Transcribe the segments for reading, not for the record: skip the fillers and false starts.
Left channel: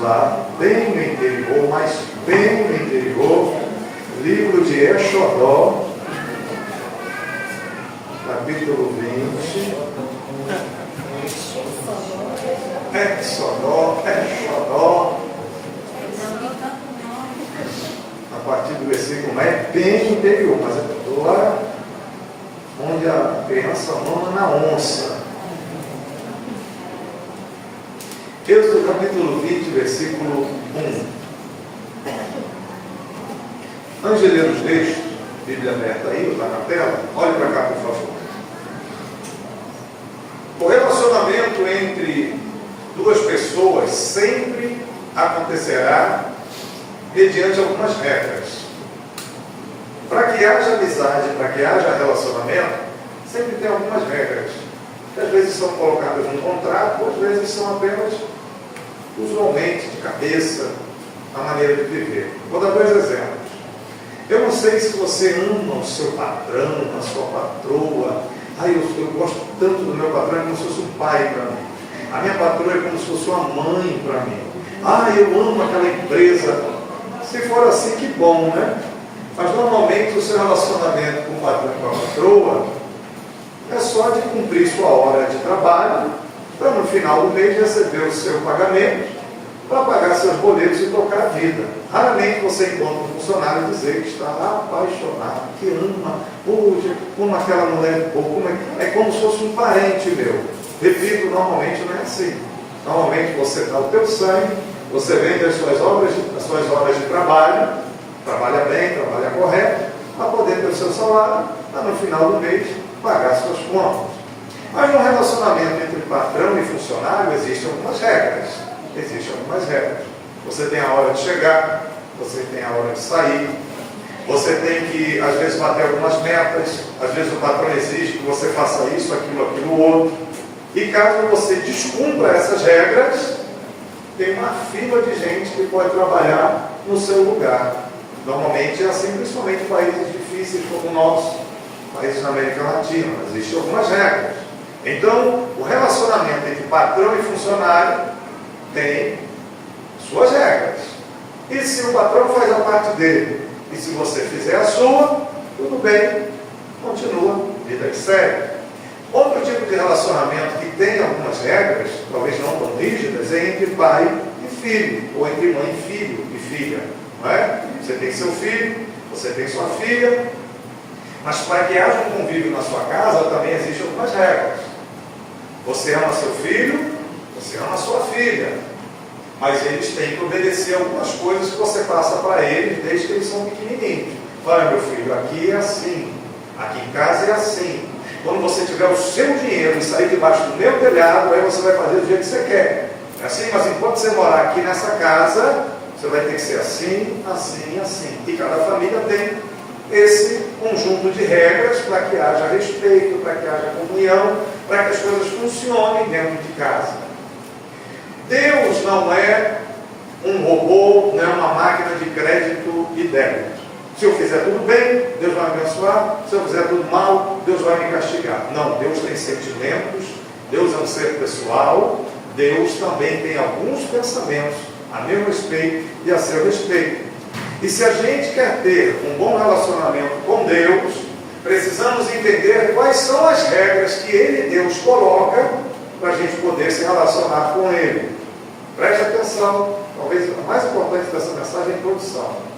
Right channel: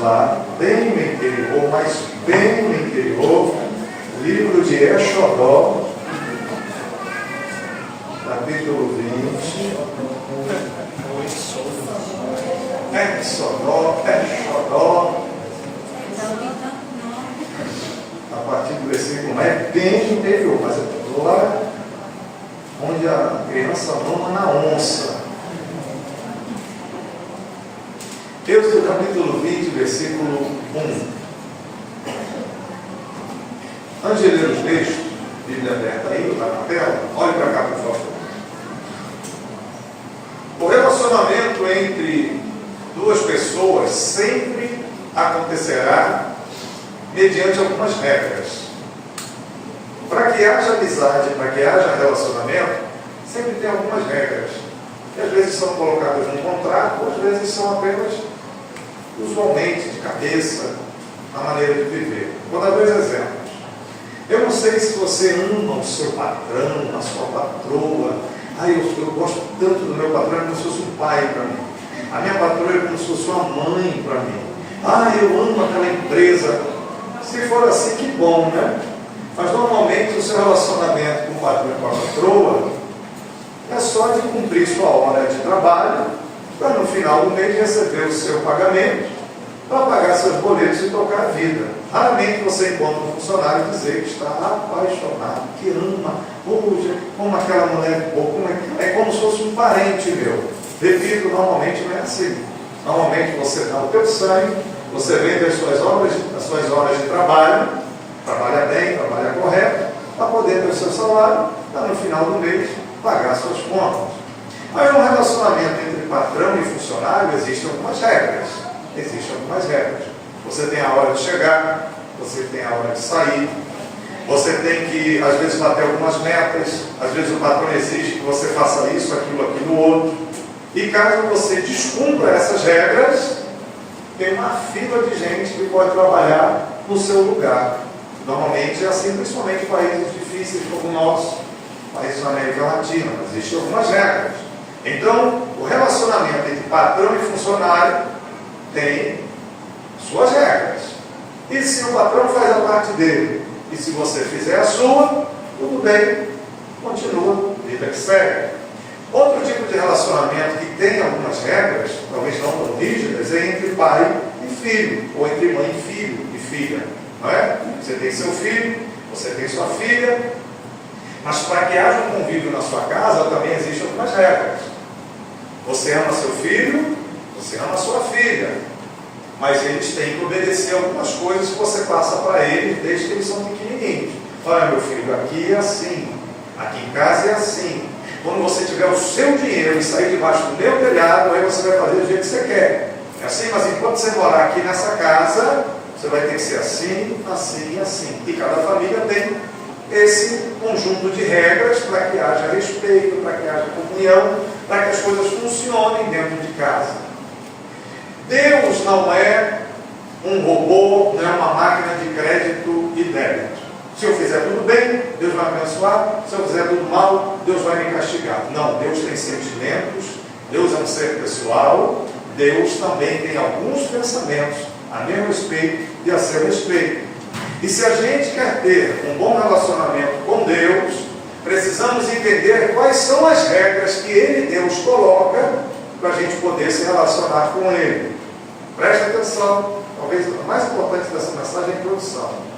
lá, bem no interior, mas bem no interior, livro de Exodó, capítulo 20. Exodó. A partir do versículo é bem no interior, mas é lá onde a criança mama na onça. Êxodo capítulo 20, versículo 1. Antes de ler o texto, Bíblia aberta aí, lá na tela, olhe para cá, por favor. O relacionamento entre duas pessoas sempre acontecerá mediante algumas regras. Para que haja amizade, para que haja relacionamento, sempre tem algumas regras, que às vezes são colocadas num contrato, às vezes são apenas, usualmente, de cabeça, a maneira de viver. Vou dar 2 exemplos. Eu não sei se você ama o seu patrão, a sua patroa. Eu gosto tanto do meu patrão, é como se fosse um pai para mim. A minha patroa é como se fosse uma mãe para mim. Eu amo aquela empresa. Se for assim, que bom, né? Mas normalmente o seu relacionamento com o patrão e com a patroa é só de cumprir sua hora de trabalho, para no final do mês receber o seu pagamento, para pagar seus boletos e tocar a vida. Raramente você encontra um funcionário dizer que está apaixonado, que ama, puxa, como aquela mulher, é como se fosse um parente meu. Repito, normalmente não é assim. Normalmente você dá o teu sangue, você vende as suas horas de trabalho, trabalha bem, trabalha correto, para poder ter o seu salário, para no final do mês pagar suas contas. Mas no relacionamento entre patrão e funcionário existem algumas regras. Você tem a hora de chegar, você tem a hora de sair, você tem que, às vezes, bater algumas metas, às vezes o patrão exige que você faça isso, aquilo, outro. E caso você descumpra essas regras, tem uma fila de gente que pode trabalhar no seu lugar. Normalmente é assim, principalmente em países difíceis como o nosso, países da América Latina, mas existem algumas regras. Então, o relacionamento entre patrão e funcionário tem suas regras. E se o patrão faz a parte dele, e se você fizer a sua, tudo bem, continua, vida que segue. Outro tipo de relacionamento que tem algumas regras, talvez não tão rígidas, é entre pai e filho, ou entre mãe e filho e filha. Não é? Você tem seu filho, você tem sua filha, mas para que haja um convívio na sua casa também existem algumas regras. Você ama seu filho, você ama sua filha, mas eles têm que obedecer algumas coisas que você passa para eles desde que eles são pequenininhos. Olha, meu filho, aqui é assim, aqui em casa é assim. Quando você tiver o seu dinheiro e sair debaixo do meu telhado, aí você vai fazer do jeito que você quer. É assim, mas enquanto você morar aqui nessa casa, você vai ter que ser assim, assim e assim. E cada família tem esse conjunto de regras para que haja respeito, para que haja comunhão, para que as coisas funcionem dentro de casa. Deus não é um robô, não é uma máquina de crédito e débito. Se eu fizer tudo bem, Deus vai me abençoar. Se eu fizer tudo mal, Deus vai me castigar. Não, Deus tem sentimentos, Deus é um ser pessoal, Deus também tem alguns pensamentos a meu respeito e a seu respeito. E se a gente quer ter um bom relacionamento com Deus, precisamos entender quais são as regras que Ele, Deus, coloca para a gente poder se relacionar com Ele. Preste atenção, talvez a mais importante dessa mensagem é a introdução.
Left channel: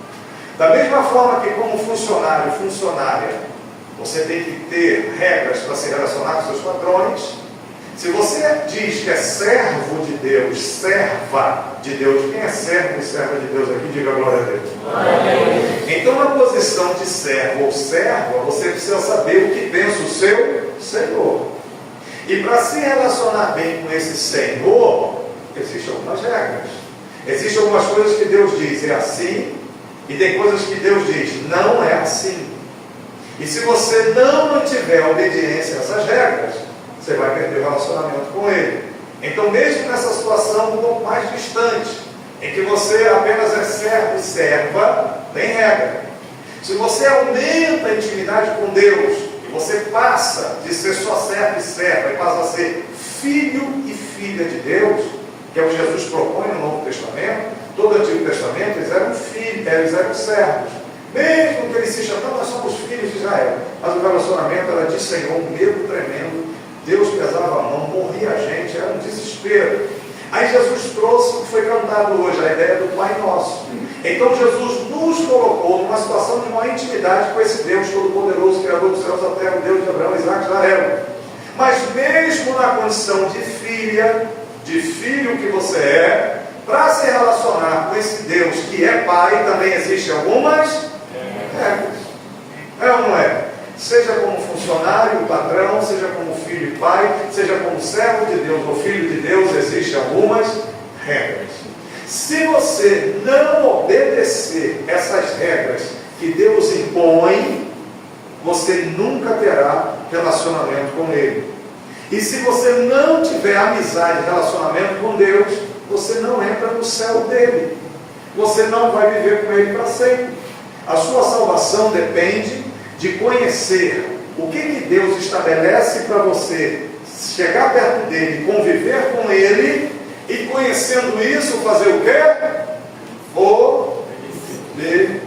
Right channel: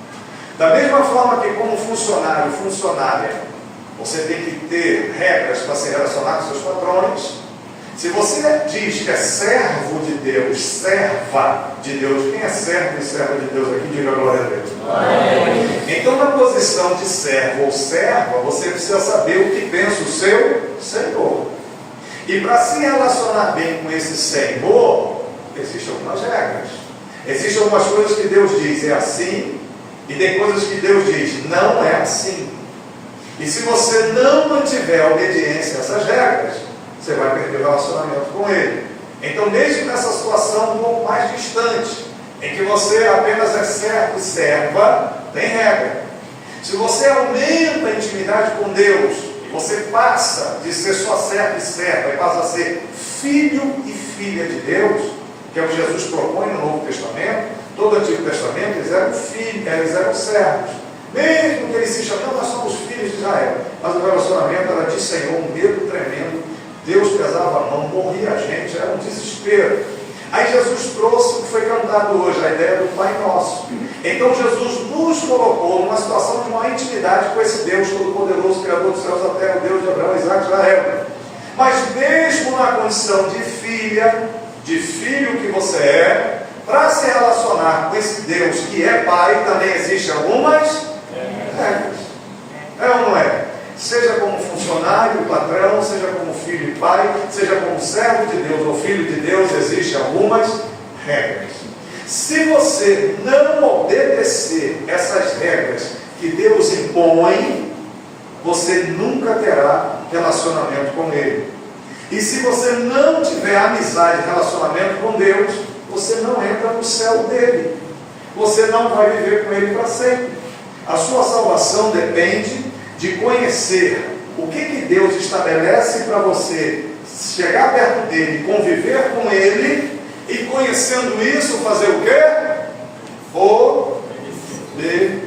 Da mesma forma que como funcionário, funcionária, você tem que ter regras para se relacionar com seus patrões. Se você diz que é servo de Deus, serva de Deus, quem é servo e serva de Deus aqui, diga glória a Deus. Amém. Então, na posição de servo ou serva, você precisa saber o que pensa o seu Senhor. E para se relacionar bem com esse Senhor, existem algumas regras. Existem algumas coisas que Deus diz, é assim, e tem coisas que Deus diz, não é assim. E se você não mantiver obediência a essas regras, você vai perder o relacionamento com Ele. Então, mesmo nessa situação um pouco mais distante, em que você apenas é servo e serva, tem regra. Se você aumenta a intimidade com Deus, e você passa de ser só servo e serva, e passa a ser filho e filha de Deus, que é o que Jesus propõe no Novo Testamento. Todo o Antigo Testamento, eles eram filhos, eles eram servos. Mesmo que eles se chamavam, nós somos filhos de Israel. Mas o relacionamento era de Senhor, um medo tremendo. Deus pesava a mão, morria a gente, era um desespero. Aí Jesus trouxe o que foi cantado hoje, a ideia do Pai Nosso. Então Jesus nos colocou numa situação de uma intimidade com esse Deus Todo-Poderoso, Criador dos céus da terra, Deus de Abraão, Isaac e Israel. Mas mesmo na condição de filha, de filho que você é, para se relacionar com esse Deus que é Pai, também existem algumas regras. É ou não é? Seja como funcionário, patrão, seja como filho e pai, seja como servo de Deus ou filho de Deus, existem algumas regras. Se você não obedecer essas regras que Deus impõe, você nunca terá relacionamento com Ele. E se você não tiver amizade e relacionamento com Deus, você não entra no céu dele. Você não vai viver com Ele para sempre. A sua salvação depende de conhecer o que Deus estabelece para você chegar perto dele, conviver com ele, e conhecendo isso, fazer o quê? Obedecer.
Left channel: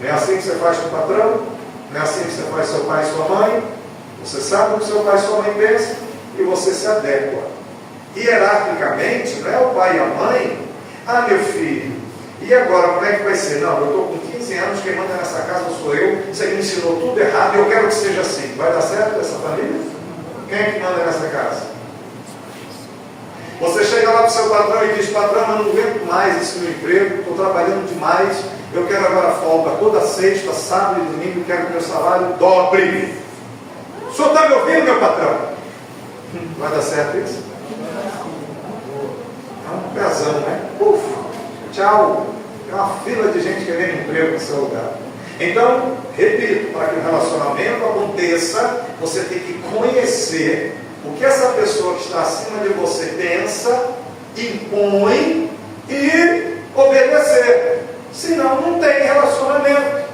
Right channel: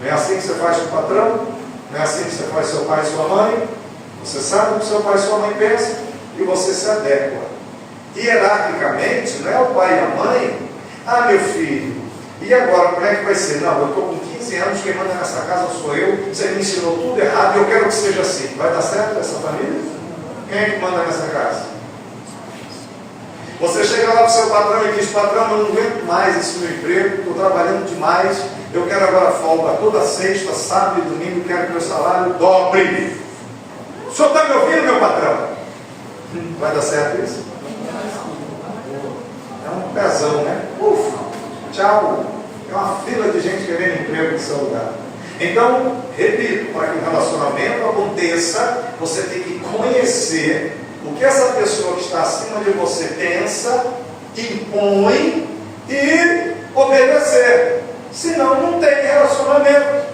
Não é assim que você faz com o patrão? Não é assim que você faz com seu pai e sua mãe? Você sabe o que seu pai e sua mãe pensam e você se adequa. Hierarquicamente, não é o pai e a mãe. Ah, meu filho, e agora como é que vai ser? Não, eu estou com 15 anos, quem manda nessa casa sou eu, você me ensinou tudo errado e eu quero que seja assim. Vai dar certo essa família? Quem é que manda nessa casa? Você chega lá para o seu patrão e diz: patrão, eu não aguento mais esse meu emprego, estou trabalhando demais, eu quero agora folga toda sexta, sábado e domingo, quero que meu salário dobre. O senhor está me ouvindo, meu patrão? Vai dar certo isso? É um pezão, né? Ufa, tchau. Tem uma fila de gente querendo emprego no seu lugar. Então, repito, para que o relacionamento aconteça, você tem que conhecer o que essa pessoa que está acima de você pensa, impõe e obedecer. Senão não tem relacionamento.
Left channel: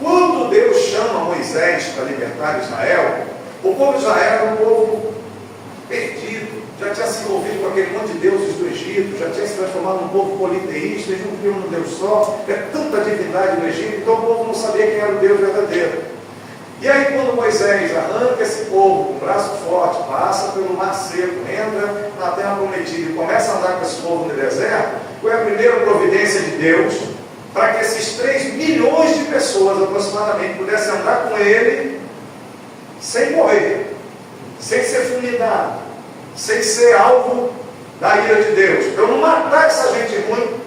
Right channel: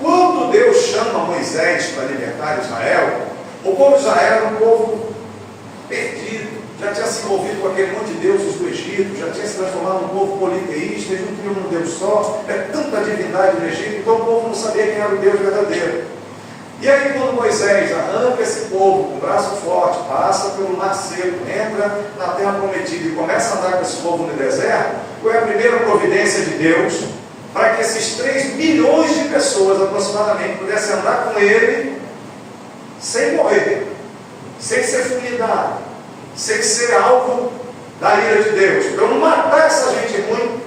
Quando Deus chama Moisés para libertar Israel, o povo de Israel era um povo perdido, já tinha se envolvido com aquele monte de deuses do Egito, já tinha se transformado num povo politeísta, eles não criam um Deus só, é tanta divindade no Egito, então o povo não sabia quem era o Deus verdadeiro. E aí quando Moisés arranca esse povo com o braço forte, passa pelo mar seco, entra na terra prometida e começa a andar com esse povo no deserto, foi a primeira providência de Deus para que esses 3 milhões de pessoas aproximadamente pudessem andar com ele sem morrer, sem ser fulminado, sem ser alvo da ira de Deus. Para eu não matar essa gente ruim,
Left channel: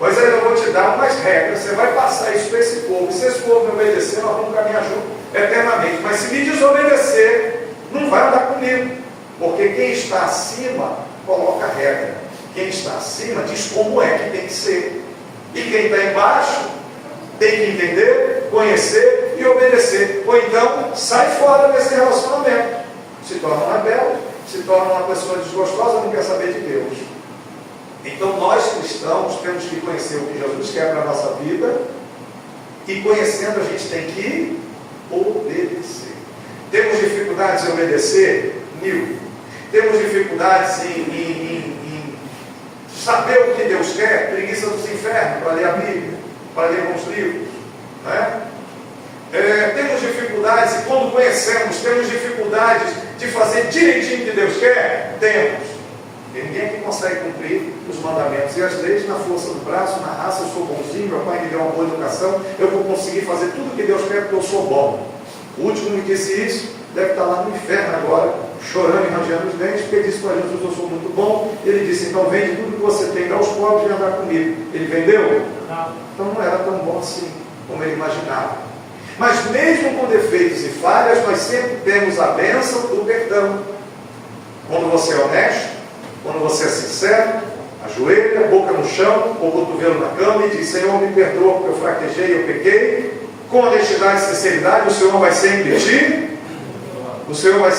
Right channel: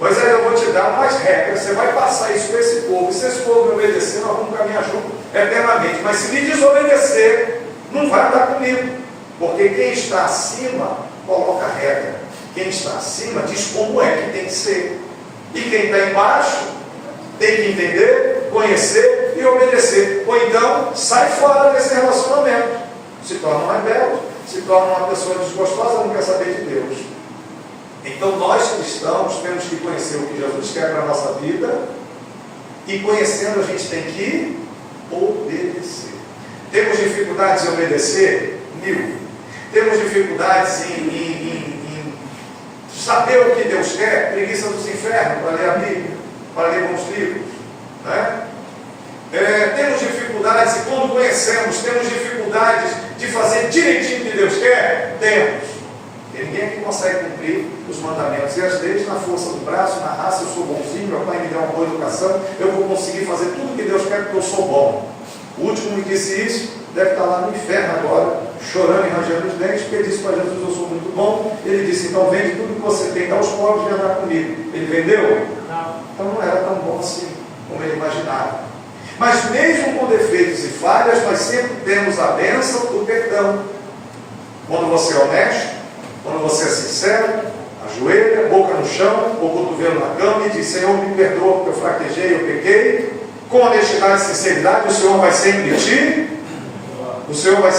mas aí eu vou te dar umas regras, você vai passar isso para esse povo, e se esse povo me obedecer, nós vamos caminhar junto eternamente, mas se me desobedecer, não vai andar comigo, porque quem está acima coloca regra, quem está acima diz como é que tem que ser, e quem está embaixo tem que entender, conhecer e obedecer, ou então sai fora desse relacionamento, se torna um rebelde, se torna uma pessoa desgostosa, não quer saber de Deus. Então nós cristãos temos que conhecer o que Jesus quer para a nossa vida, e conhecendo a gente tem que obedecer. Temos dificuldades em obedecer? 1000. Temos dificuldades em saber o que Deus quer? Preguiça dos infernos, para ler a Bíblia, para ler bons livros, né? Temos dificuldades, e quando conhecemos, temos dificuldades de fazer direitinho o que Deus quer? Temos. E ninguém aqui consegue cumprir os mandamentos e as leis na força do braço, na raça. Eu sou bonzinho, meu pai me deu uma boa educação, eu vou conseguir fazer tudo o que Deus quer porque eu sou bom. O último me disse isso, deve estar lá no inferno agora, chorando e rangendo os dentes, porque disse para Jesus: eu sou muito bom. Ele disse: então vende tudo que você tem, dá aos pobres e andar comigo. Ele vendeu? Não. Então não era tão bom assim como ele imaginava. Mas mesmo com defeitos e falhas, nós sempre temos a bênção do perdão. Quando você é honesto, quando você é sincero, ajoelha, boca no chão, ou cotovelo na cama, e diz: Senhor, me perdoa porque eu fraquejei, eu pequei. Com honestidade e sinceridade, o Senhor vai sempre te, o Senhor vai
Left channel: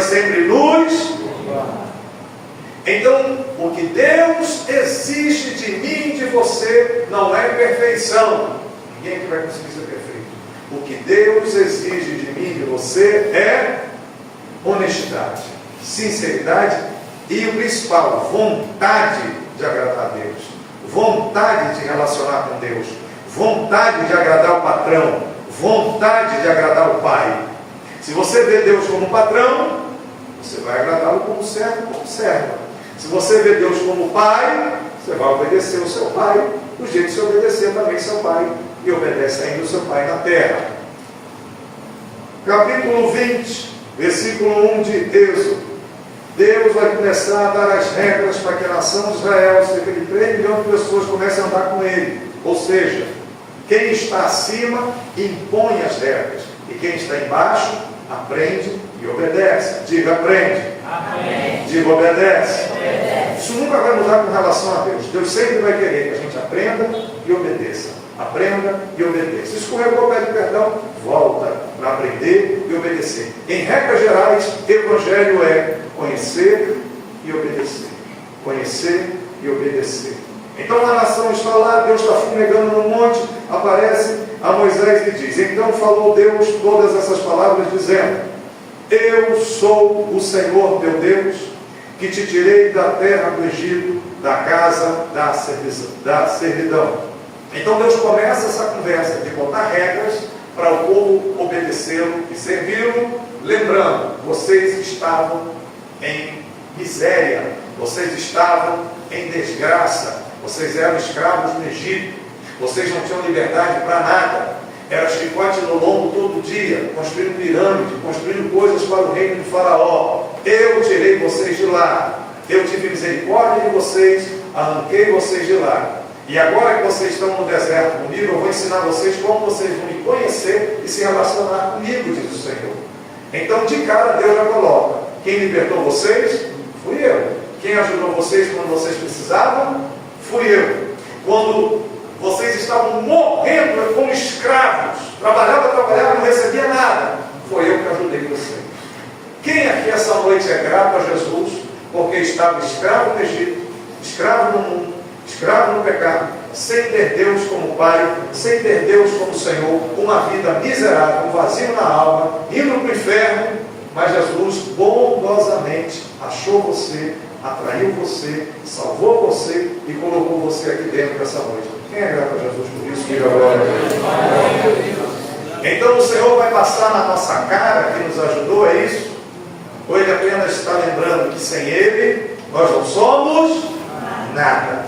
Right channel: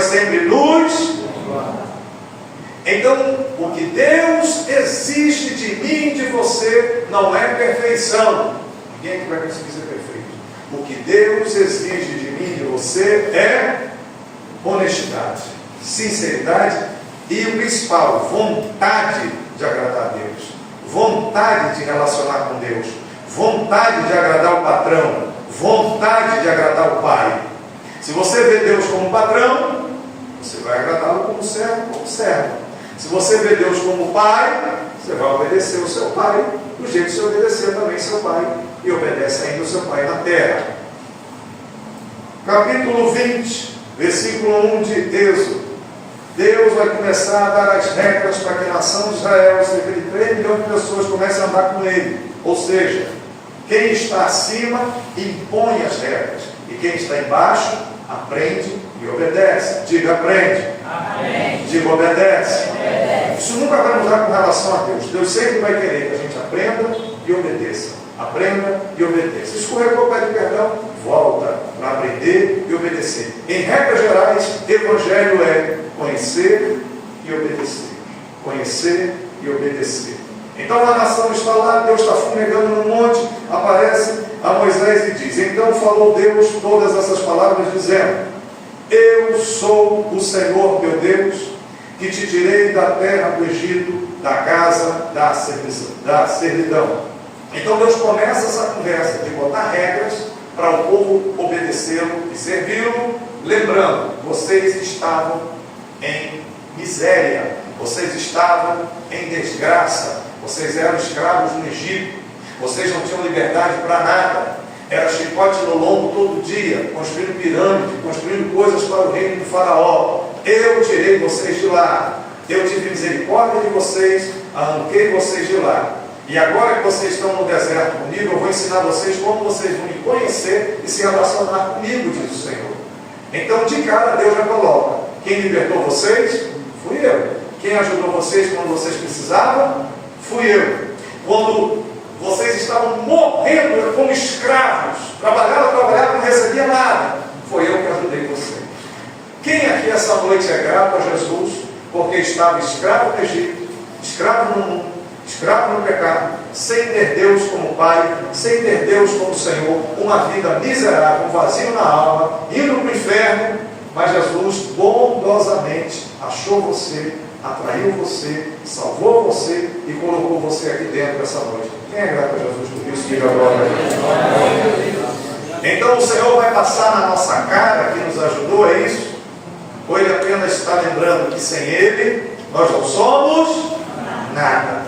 sempre nos. Então, o que Deus exige de mim e de você não é perfeição. Ninguém aqui vai conseguir ser perfeito. O que Deus exige de mim e de você é honestidade. sinceridade e o principal, vontade de agradar a Deus, vontade de relacionar com Deus, vontade de agradar o patrão, vontade de agradar o pai. Se você vê Deus como patrão, você vai agradá-lo como servo. Se você vê Deus como pai, você vai obedecer o seu pai, do jeito que você obedecer também seu pai, e obedece ainda o seu pai na terra. Capítulo 20, versículo 1 de Êxodo. Deus vai começar a dar as regras para que a nação de Israel, cerca de 3 milhões de pessoas, comecem a andar com ele. Ou seja, quem está acima impõe as regras, e quem está embaixo aprende e obedece. Diga, aprende. Aprende. Diga, obedece. Obedece. Isso nunca vai mudar com relação a Deus. Deus sempre vai querer que a gente aprenda e obedeça. Aprenda e obedeça. Escorregou, pede perdão, volta para aprender e obedecer. Em regras gerais, evangelho é conhecer e obedecer. Conhecer e obedecer. Então a nação está lá, Deus está fumegando no monte, aparece a Moisés e diz: então falou Deus todas essas palavras, dizendo: eu sou o Senhor teu Deus, que te tirei da terra do Egito, da casa da servidão. Então Deus começa essa conversa de botar regras para o povo obedecê-lo e servi-lo, lembrando: vocês estavam em miséria, vocês estavam em desgraça, vocês eram escravos no Egito, vocês não tinham liberdade para nada, era chicote no lombo todo dia, construindo pirâmide, construindo coisas para o reino de Faraó. Eu tirei vocês de lá, eu tive misericórdia de vocês, arranquei vocês de lá. E agora que vocês estão no deserto comigo, eu vou ensinar vocês como vocês vão me conhecer e se relacionar comigo, diz o Senhor. Então, de cara, Deus já coloca: quem libertou vocês? Fui eu. Quem ajudou vocês quando vocês precisavam? Fui eu. Quando vocês estavam morrendo como escravos, trabalhavam, não recebia nada, foi eu que ajudei vocês. Quem aqui essa noite é grato a Jesus, porque estava escravo no Egito, escravo no mundo, escravo no pecado, sem ter Deus como Pai, sem ter Deus como Senhor, uma vida miserável, um vazio na alma, indo para o inferno, mas Jesus bondosamente achou você, atraiu você, salvou você e colocou você aqui dentro essa noite. Quem é grato a Jesus por isso? Diga glória a Deus. Então o Senhor vai passar na nossa cara que nos ajudou, é isso? Ou Ele apenas está lembrando que sem Ele nós não somos nada?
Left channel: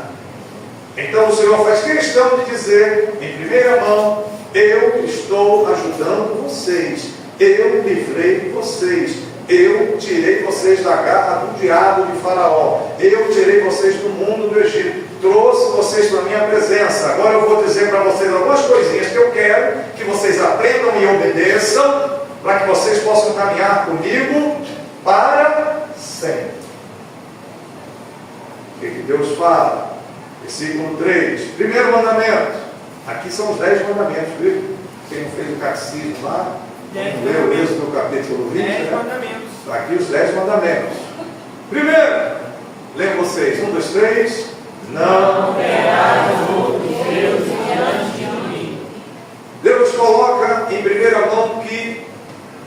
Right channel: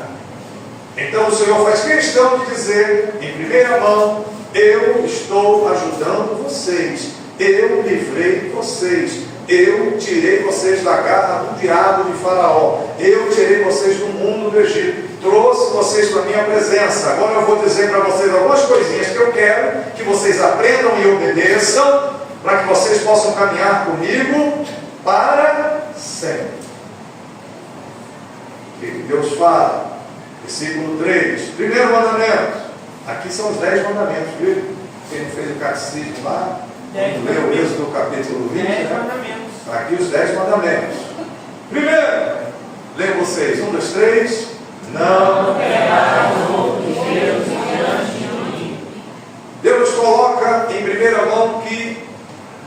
Então o Senhor faz questão de dizer em primeira mão: eu estou ajudando vocês, eu livrei vocês, eu tirei vocês da garra do diabo de Faraó, eu tirei vocês do mundo do Egito, trouxe vocês para a minha presença. Agora eu vou dizer para vocês algumas coisinhas que eu quero que vocês aprendam e obedeçam, para que vocês possam caminhar comigo para sempre. O que Deus fala? Versículo 3, primeiro mandamento. Aqui são os 10 mandamentos, viu? Quem não fez o catecismo lá, não leu o Êxodo capítulo 20, né? Está aqui os 10 mandamentos. Primeiro, leiam vocês, 1, 2, 3. Não terás outros deuses diante de mim. Deus coloca em primeira mão que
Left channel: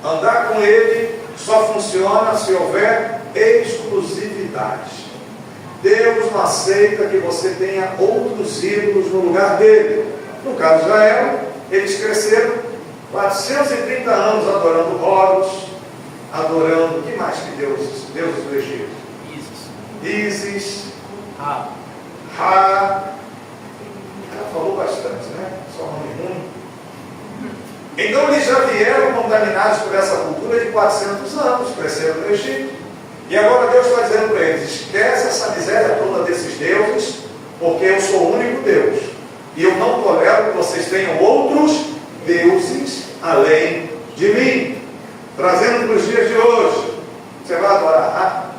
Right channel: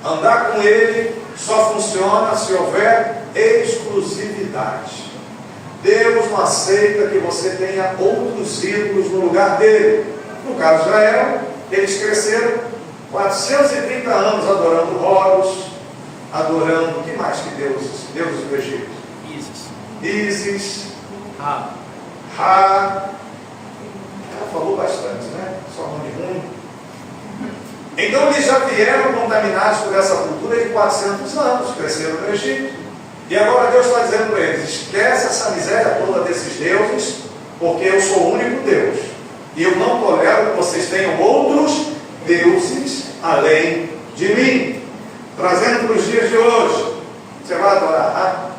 andar com Ele só funciona se houver exclusividade. Deus não aceita que você tenha outros ídolos no lugar dele. No caso de Israel, eles cresceram 430 anos adorando Horus, adorando, o que mais que deuses do Egito? Ísis, Ra. Ela falou bastante, né? Só nome ruim. Então eles já vieram contaminados por essa cultura de 400 anos, cresceram no Egito. E agora Deus está dizendo para eles: esquece essa miséria toda desses deuses, porque eu sou o único Deus. E eu não tolero que vocês tenham outros deuses além de mim. Trazendo para os dias de hoje, você vai adorar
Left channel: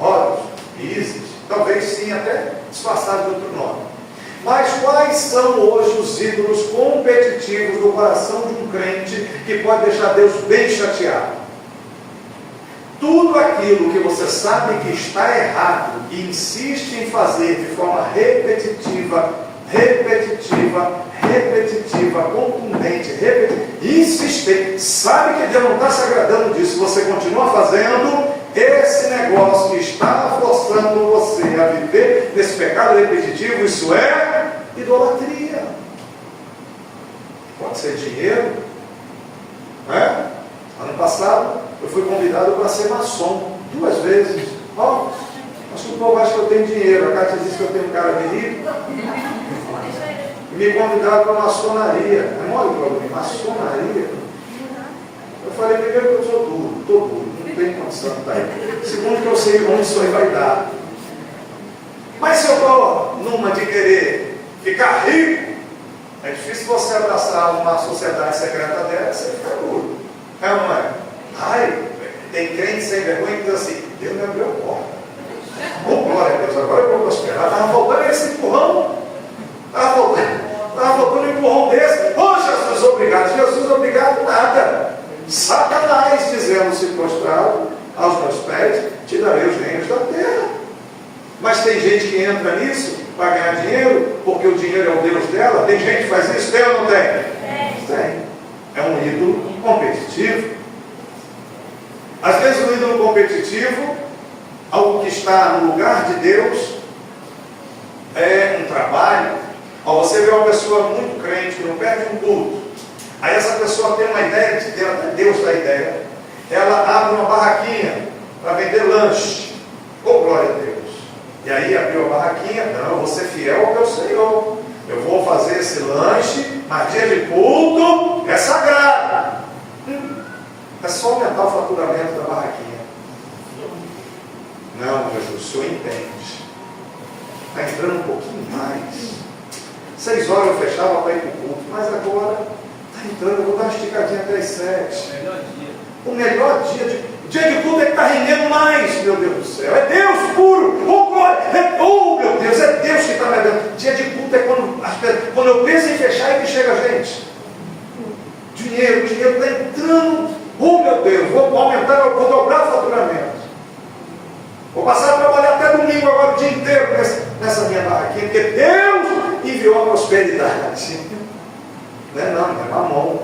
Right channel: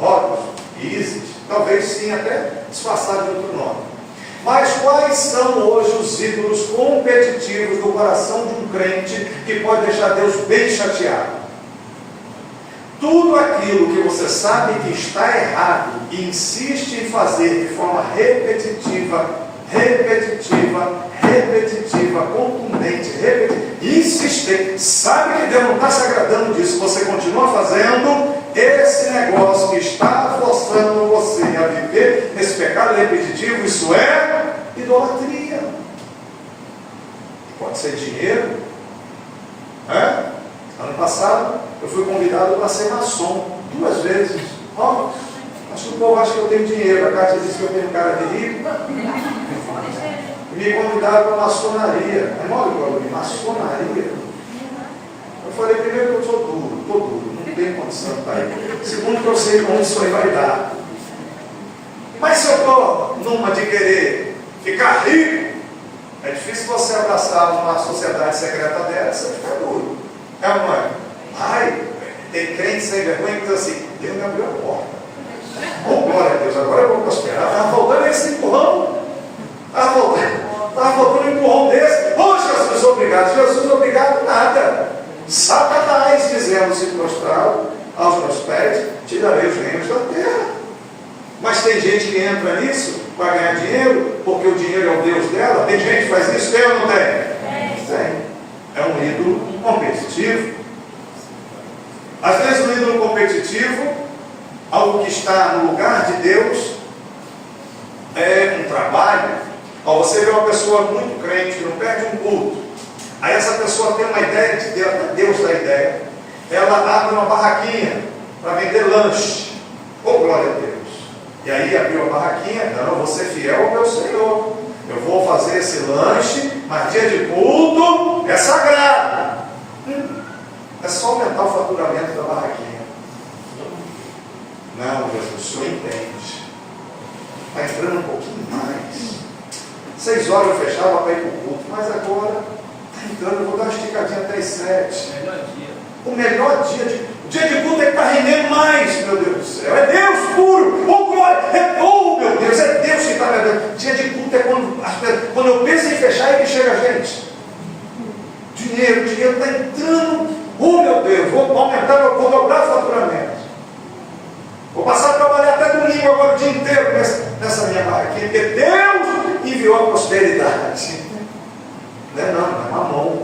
Horus e Ísis? Talvez sim, até disfarçado de outro nome. Mas quais são hoje os ídolos competitivos do coração de um crente que pode deixar Deus bem chateado? Tudo aquilo que você sabe que está errado e insiste em fazer de forma repetitiva, contundente, insistente, sabe que Deus não está se agradando disso, você continua fazendo, esse negócio que está forçando você a viver nesse pecado repetitivo, isso é idolatria. Pode ser dinheiro. Ano passado eu fui convidado para ser maçom 2 vezes. Acho que o povo acha que eu tenho dinheiro. A Cátia disse que eu tenho cara de rico. E me convidaram para maçonaria. Maçonaria. Eu falei, primeiro que eu sou duro, estou duro, não tenho condição de estar aí. Segundo que eu sei como isso aí vai dar. Mas se eu estou numa de querer ficar rico, é difícil você abraçar uma sociedade secreta dessa e ficar duro. É ou não é? Tem crente sem vergonha que diz assim, Deus me abriu a porta. Glória a Deus, agora eu vou prosperar. Estava faltando esse empurrão. Estava faltando um empurrão desse. Jesus, obrigado. Jesus, obrigado, nada. Satanás dizendo-se prostrado aos meus pés, te darei os reinos da terra. Mas tem gente que entra nisso para ganhar dinheiro, porque o dinheiro é o Deus dela. Tem gente que faz isso, tem ou não tem? Tem. É um ídolo competitivo. Às vezes o ídolo competitivo, algo que está no lugar de Deus, é um trabalho. Você vê uma pessoa muito crente que não perde um culto. Aí essa pessoa tem uma ideia de Deus, Deus dá ideia. Ela abre uma barraquinha para vender lanche. Glória a Deus. E aí abriu a barraquinha, não, eu vou ser fiel ao meu Senhor. Eu vou fazer esse lanche, mas dia de culto é sagrado. É só aumentar o faturamento da barraquinha. Não, Jesus, o Senhor entende. Está entrando um pouquinho mais. 6 horas eu fechava para ir para o culto, mas agora está entrando, eu vou dar uma esticadinha até as 7. O melhor dia de culto é que está rendendo mais, meu Deus do céu. É Deus puro. Glória. Meu Deus, é Deus que está me dando. Dia de culto é quando eu penso em fechar e que chega a gente. Dinheiro está entrando. Meu Deus, vou aumentar, vou dobrar o faturamento. Vou passar a trabalhar até domingo agora o dia inteiro nessa minha barraquinha, porque Deus enviou a prosperidade. Não é mamão.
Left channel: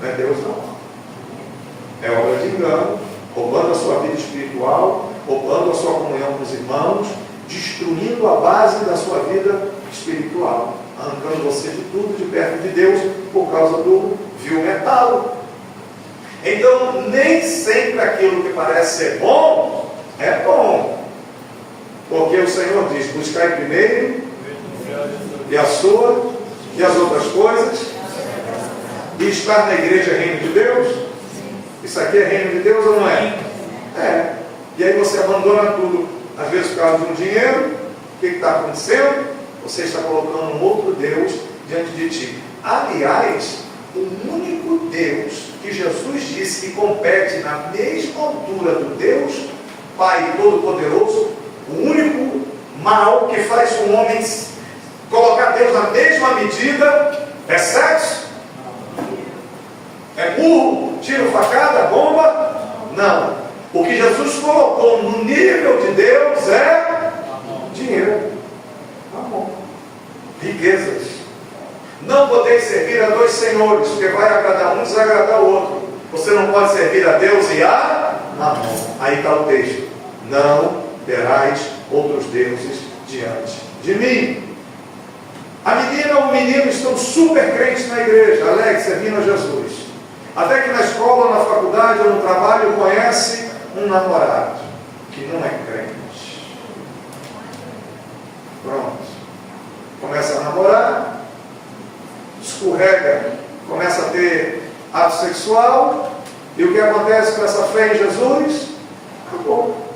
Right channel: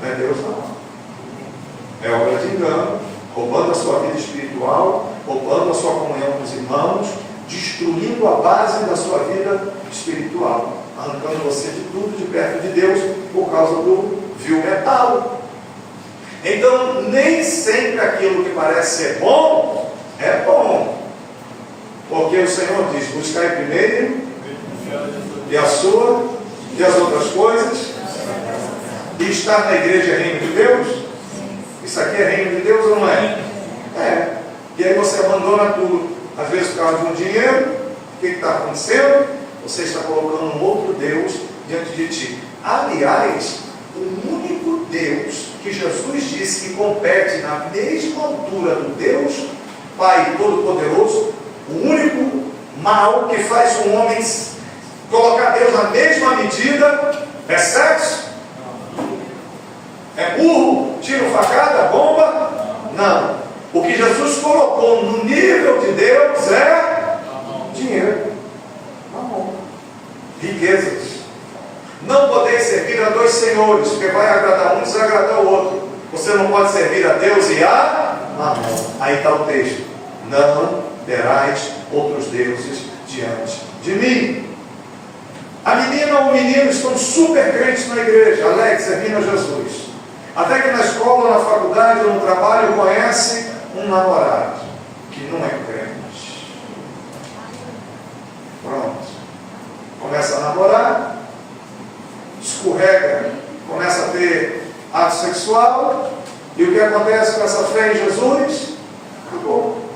Não é Deus não. É obra de engano, roubando a sua vida espiritual, roubando a sua comunhão com os irmãos, destruindo a base da sua vida espiritual, arrancando você de tudo de perto de Deus por causa do vil metal. Então, nem sempre aquilo que parece ser bom é bom, porque o Senhor diz: buscai primeiro e a sua e as outras coisas, e estar na igreja é reino de Deus. Isso aqui é reino de Deus ou não é? É. E aí você abandona tudo, às vezes por causa de um dinheiro. O que está acontecendo? Você está colocando um outro Deus diante de ti. Aliás, o único Deus que Jesus disse que compete na mesma altura do Deus Pai Todo-Poderoso, o único mal que faz um homem colocar Deus na mesma medida é sexo? É burro, tiro, facada, bomba? Não. O que Jesus colocou no nível de Deus é dinheiro, riquezas. Não podeis servir a 2 senhores, porque vai agradar um e desagradar o outro. Você não pode servir a Deus e a Mamon. Aí está o texto: não terás outros deuses diante de mim. A menina ou o menino estão super crentes na igreja, alegres, servindo a Jesus. Até que na escola, na faculdade ou no trabalho conhece um namorado que não é crente. Pronto. Começa a namorar, escorrega, começa a ter ato sexual, e o que acontece com essa fé em Jesus? Acabou.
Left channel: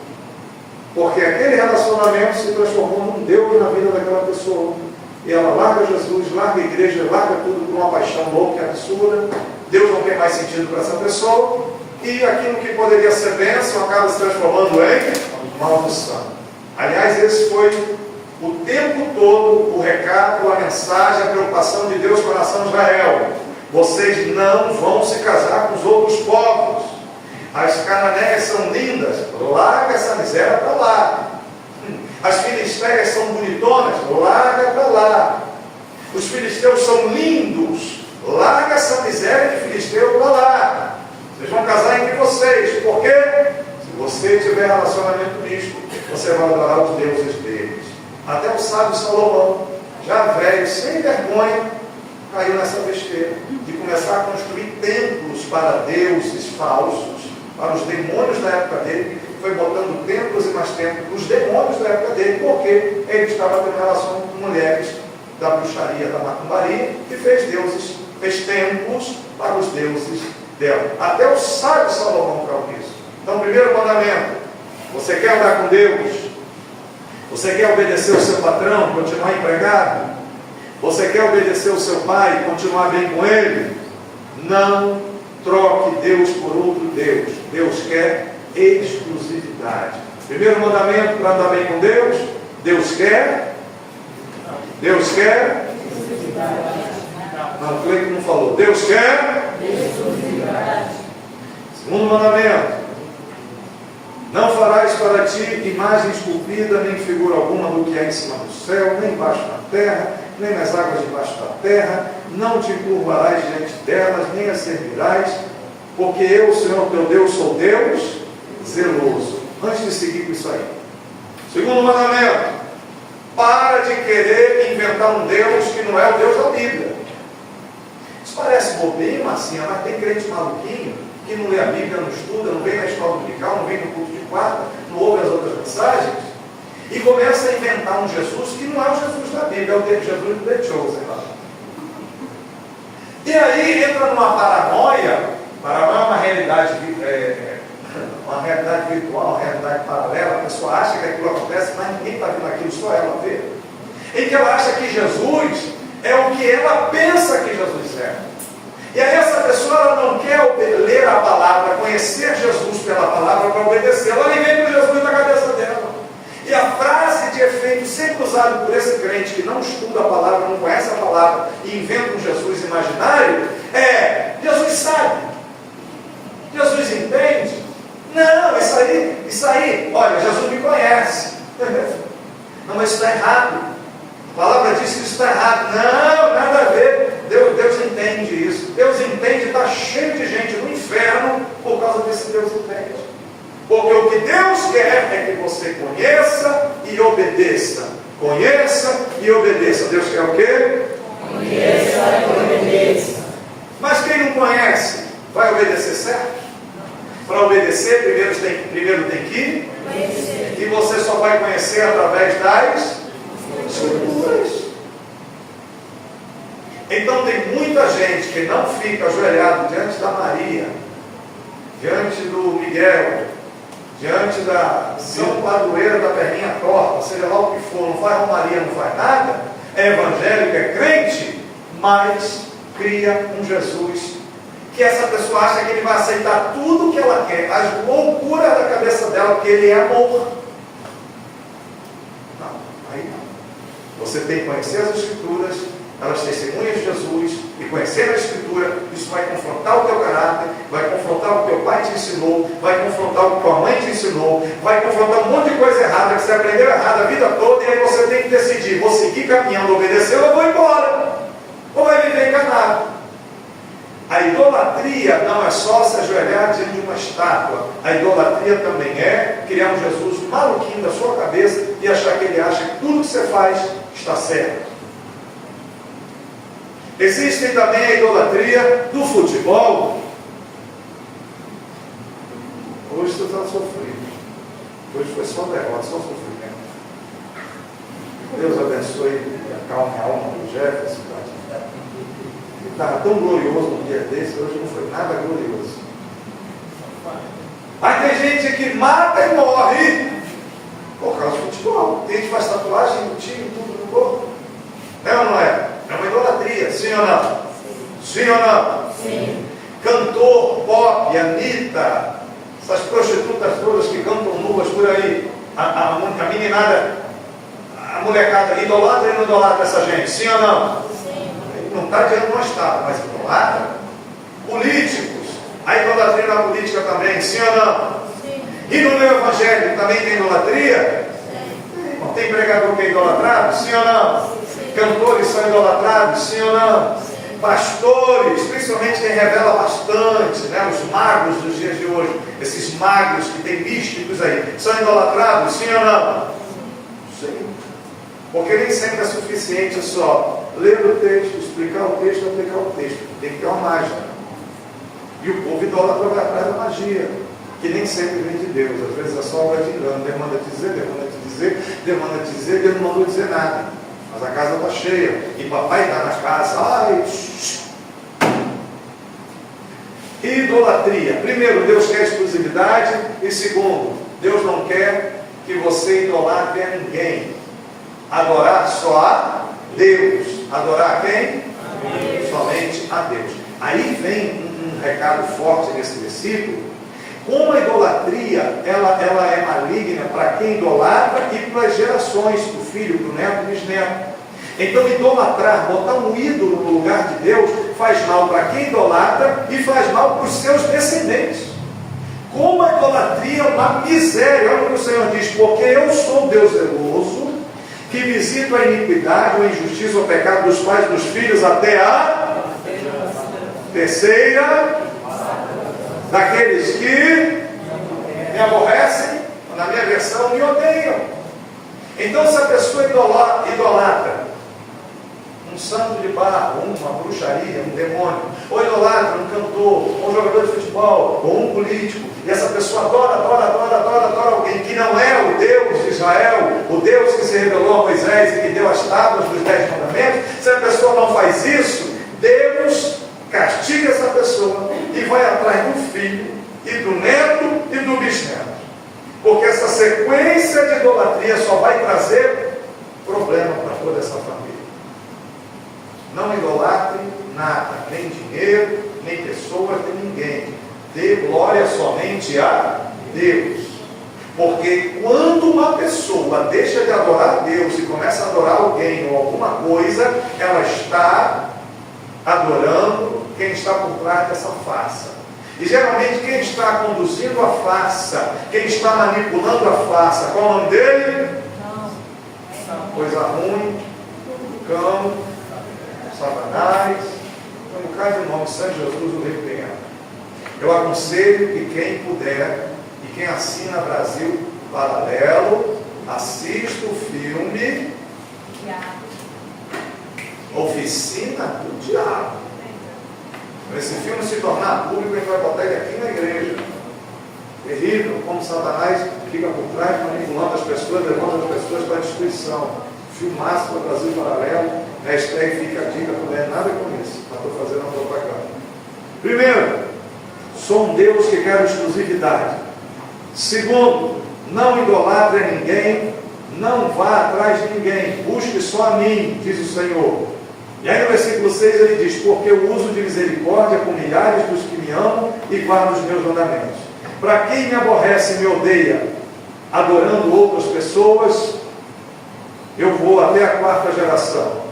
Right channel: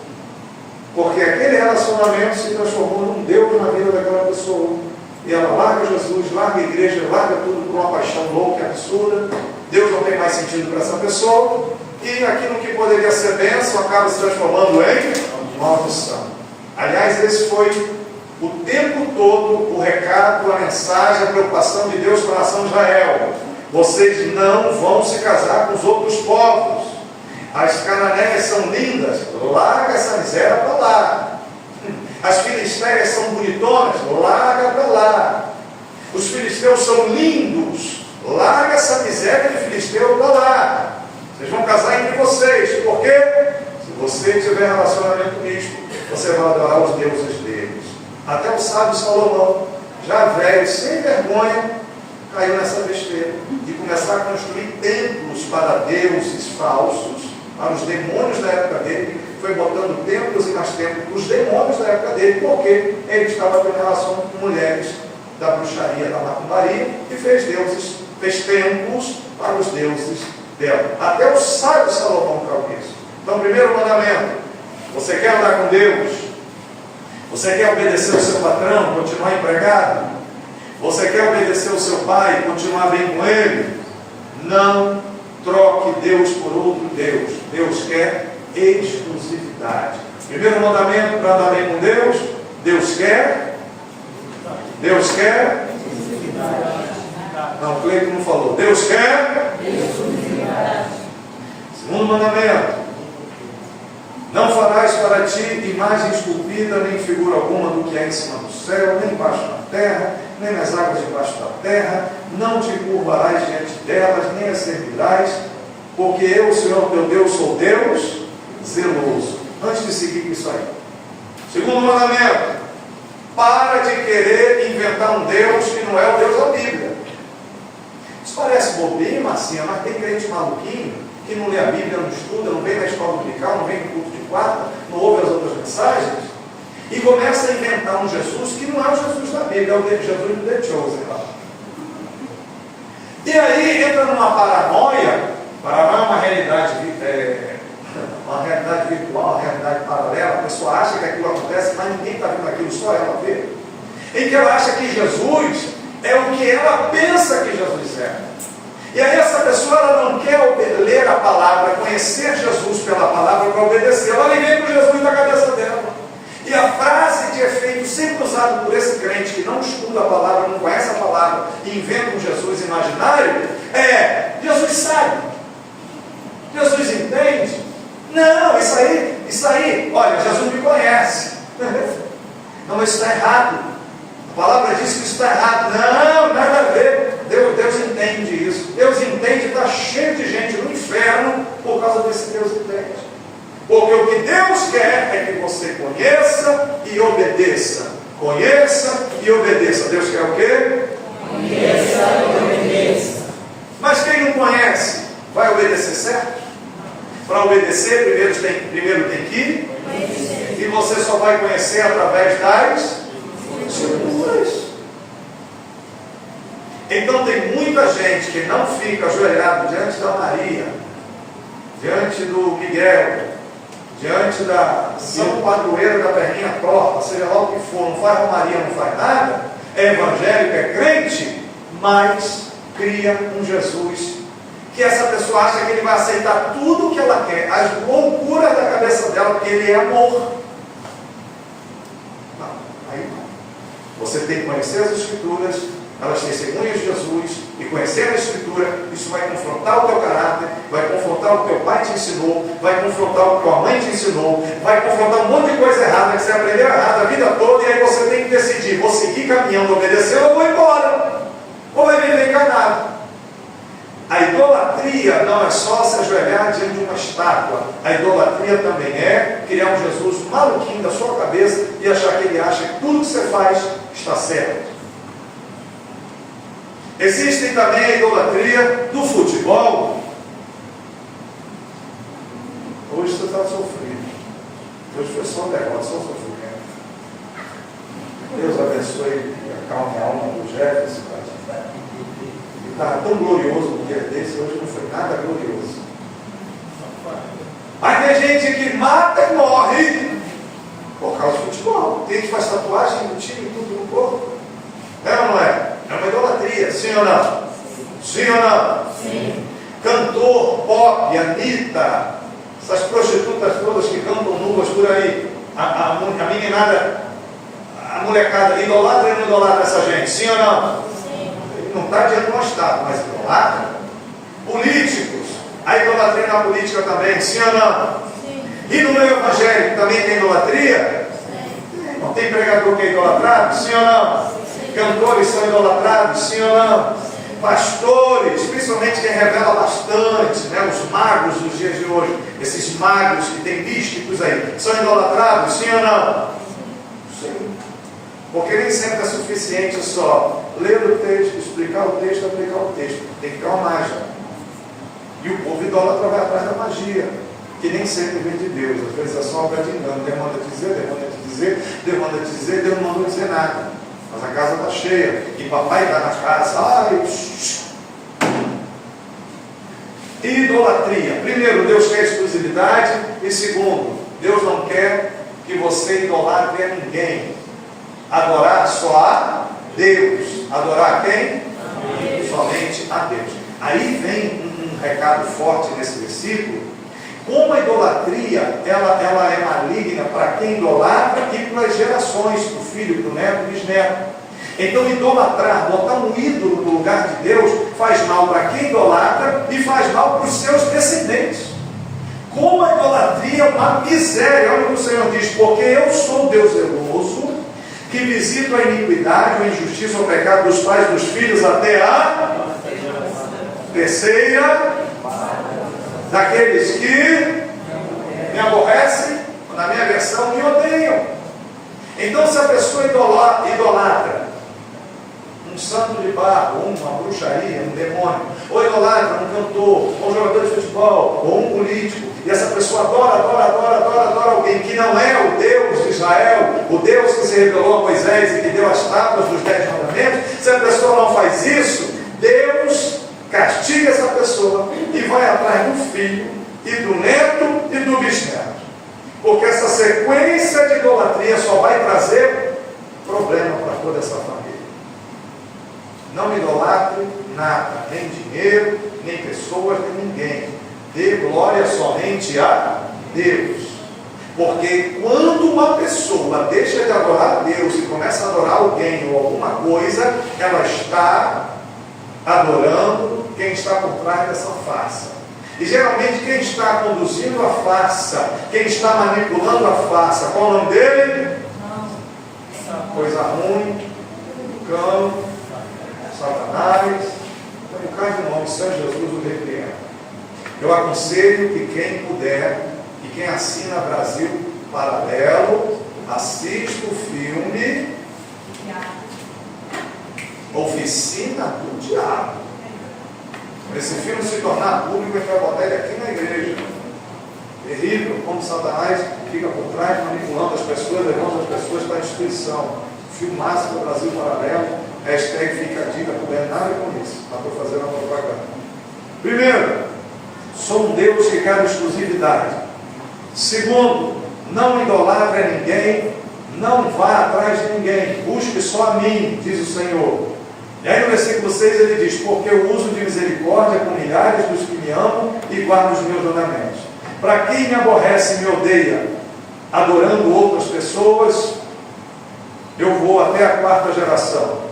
Porque aquele relacionamento se transformou num Deus na vida daquela pessoa. E ela larga Jesus, larga a igreja, larga tudo por uma paixão louca e absurda. Deus não tem mais sentido para essa pessoa, e aquilo que poderia ser bênção acaba se transformando em maldição. Aliás, esse foi o tempo todo o recado, a mensagem, a preocupação de Deus com a nação de Israel: vocês não vão se casar com os outros povos. As cananeias são lindas, larga essa miséria para lá. As filisteias são bonitonas, larga para lá. Os filisteus são lindos, larga essa miséria de filisteu para lá. Vocês vão casar entre vocês. Por quê? Se você tiver relacionamento misto, você vai adorar os deuses deles. Até o sábio Salomão, já velho, sem vergonha, caiu nessa besteira de começar a construir templos para deuses falsos, para os demônios da época dele. Foi botando templos e mais templos para os demônios da época dele, porque ele estava tendo relação com mulheres da bruxaria, da macumbaria, e fez templos para os deuses dela. Até o sábio Salomão caiu nisso. Então, primeiro mandamento: você quer andar com Deus? Você quer obedecer o seu patrão, continuar empregado? Você quer obedecer o seu pai, continuar bem com ele? Não troque Deus por outro Deus. Deus quer exclusividade. Primeiro mandamento para andar bem com Deus: Deus quer? Deus quer? Não, o Cleiton não falou. Deus quer? Segundo mandamento: não farás para ti imagem esculpida, nem figura alguma do que é em cima do céu, nem embaixo da terra, nem nas águas debaixo da terra. Não te curvarás diante delas, nem as servirás, porque eu, Senhor teu Deus, sou Deus zeloso. Antes de seguir com isso aí, segundo mandamento: para de querer inventar um Deus que não é o Deus da Bíblia. Isso parece bobinho, massinha, mas tem crente maluquinho que não lê a Bíblia, não estuda, não vem na escola dominical, não vem no culto de quarta, não ouve as outras mensagens, e começa a inventar um Jesus que não é o Jesus da Bíblia, é o Jesus do The Chosen. E aí entra numa paranoia. Paranoia é uma realidade virtual, uma realidade paralela. A pessoa acha que aquilo acontece, mas ninguém está vendo aquilo, só ela vê. Em que ela acha que Jesus é o que ela pensa que Jesus é. E aí essa pessoa, ela não quer ler a palavra, conhecer Jesus pela palavra para obedecer. Ela vem com Jesus na cabeça dela. E a frase de efeito sempre usada por esse crente que não estuda a palavra, não conhece a palavra e inventa um Jesus imaginário é: Jesus sabe, Jesus entende. Não, isso aí, olha, Jesus me conhece. Não, mas isso está errado. A palavra diz que isso está errado. Não, nada a ver. Deus entende isso. Deus entende, está cheio de gente no inferno por causa desse Deus entende. Porque o que Deus quer é que você conheça e obedeça. Conheça e obedeça. Deus quer o quê? Conheça e obedeça. Mas quem não conhece, vai obedecer certo? Para obedecer, primeiro tem que conhecer. E você só vai conhecer através das Escrituras. Então tem muita gente que não fica ajoelhado diante da Maria, diante do Miguel, diante da São Padroeira da perninha torta, seja lá o que for, não faz romaria, não faz nada, é evangélico, é crente, mas cria um Jesus que essa pessoa acha que ele vai aceitar tudo que ela quer, as loucuras da cabeça dela, porque ele é amor. Não, aí não. Você tem que conhecer as Escrituras, elas testemunham de Jesus, e conhecer a Escritura, isso vai confrontar o teu caráter, vai confrontar o que teu pai te ensinou, vai confrontar o que tua mãe te ensinou, vai confrontar um monte de coisa errada que você aprendeu errado a vida toda, e aí você tem que decidir: vou seguir caminhando, obedecendo, ou vou embora, ou vai viver enganado. A idolatria não é só se ajoelhar diante de uma estátua. A idolatria também é criar um Jesus maluquinho da sua cabeça e achar que ele acha que tudo que você faz está certo. Existe também a idolatria do futebol. Hoje você está sofrendo. Hoje foi só derrota, só sofrimento. Deus abençoe e acalme a alma do Jefferson. Estava tão glorioso no dia desse, hoje não foi nada glorioso. Aí tem gente que mata e morre por causa do futebol. Tem gente que faz tatuagem do time, tudo no corpo. É ou não é? É uma idolatria, sim ou não? Sim ou não? Sim. Cantor, pop, Anitta, essas prostitutas todas que cantam nuas por aí, a meninada, a molecada, idolatra e não idolatra essa gente, sim ou não? Não está diante de um Estado, mas idolatra. Políticos, a idolatria na política também, sim ou não? Sim. E no meu evangélico também tem idolatria? Sim. Não tem pregador que é idolatrado, sim ou não? Sim. Cantores são idolatrados, sim ou não? Sim. pastores, principalmente quem revela bastante, né? Os magos dos dias de hoje, esses magos que tem místicos aí, são idolatrados, sim ou não? Sim. Porque nem sempre é suficiente só ler o texto, explicar o texto, aplicar o texto. Tem que ter uma mágica. E o povo idólatra vai atrás da magia, que nem sempre vem de Deus. Às vezes é só obra de engano. Deus manda te dizer, Deus manda te dizer, Deus manda te dizer, Deus não mandou dizer nada. Mas a casa está cheia. E papai está na casa. Ai, idolatria. Primeiro, Deus quer exclusividade. E segundo, Deus não quer que você idolatre a ninguém. Adorar só a Deus. Adorar a quem? Somente a Deus. Aí vem um recado forte nesse versículo. Como a idolatria ela é maligna para quem idolatra e para as gerações, para o filho, para o neto e bisneto. Então idolatrar, botar um ídolo no lugar de Deus, faz mal para quem idolatra e faz mal para os seus descendentes. Como a idolatria é uma miséria. Olha o que o Senhor diz: porque eu sou Deus zeloso, que visito a iniquidade, a injustiça, o pecado dos pais, dos filhos, até a terceira daqueles que me aborrecem, na minha versão, me odeiam. Então, se a pessoa idolatra um santo de barro, uma bruxaria, um demônio, ou idolatra um cantor, ou um jogador de futebol, ou um político, e essa pessoa adora alguém que não é o Deus de Israel, o Deus que se revelou a Moisés e que deu as tábuas dos 10 mandamentos, se a pessoa não faz isso, Deus castiga essa pessoa e vai atrás do filho e do neto e do bisneto. Porque essa sequência de idolatria só vai trazer problema para toda essa família. Não idolatre nada, nem dinheiro, nem pessoas, nem ninguém. Dê glória somente a Deus. Porque quando uma pessoa deixa de adorar a Deus e começa a adorar alguém ou alguma coisa, ela está adorando quem está por trás dessa farsa. E geralmente quem está conduzindo a farsa, quem está manipulando a farsa, qual o nome dele? Coisa ruim, cão, Satanás, tem um bocado de nome, Santo Jesus o repreenda. Eu aconselho que quem puder, e quem assina Brasil Paralelo, assista o filme Oficina do Diabo. Esse filme se tornar público, ele vai botar ele aqui na igreja. Terrível, como Satanás fica por trás, manipulando as pessoas, levando as pessoas para a destruição. Filmaço do Brasil Paralelo, hashtag fica a dica, não é nada com isso, mas estou fazendo a propaganda. Primeiro, sou um Deus que quer exclusividade. Segundo, não idolatre a ninguém, não vá atrás de ninguém, busque só a mim, diz o Senhor. E aí no versículo 6 ele diz: porque eu uso de misericórdia com milhares dos que me amam e guardam os meus mandamentos. Para quem me aborrece e me odeia, adorando outras pessoas, eu vou até a 4ª geração.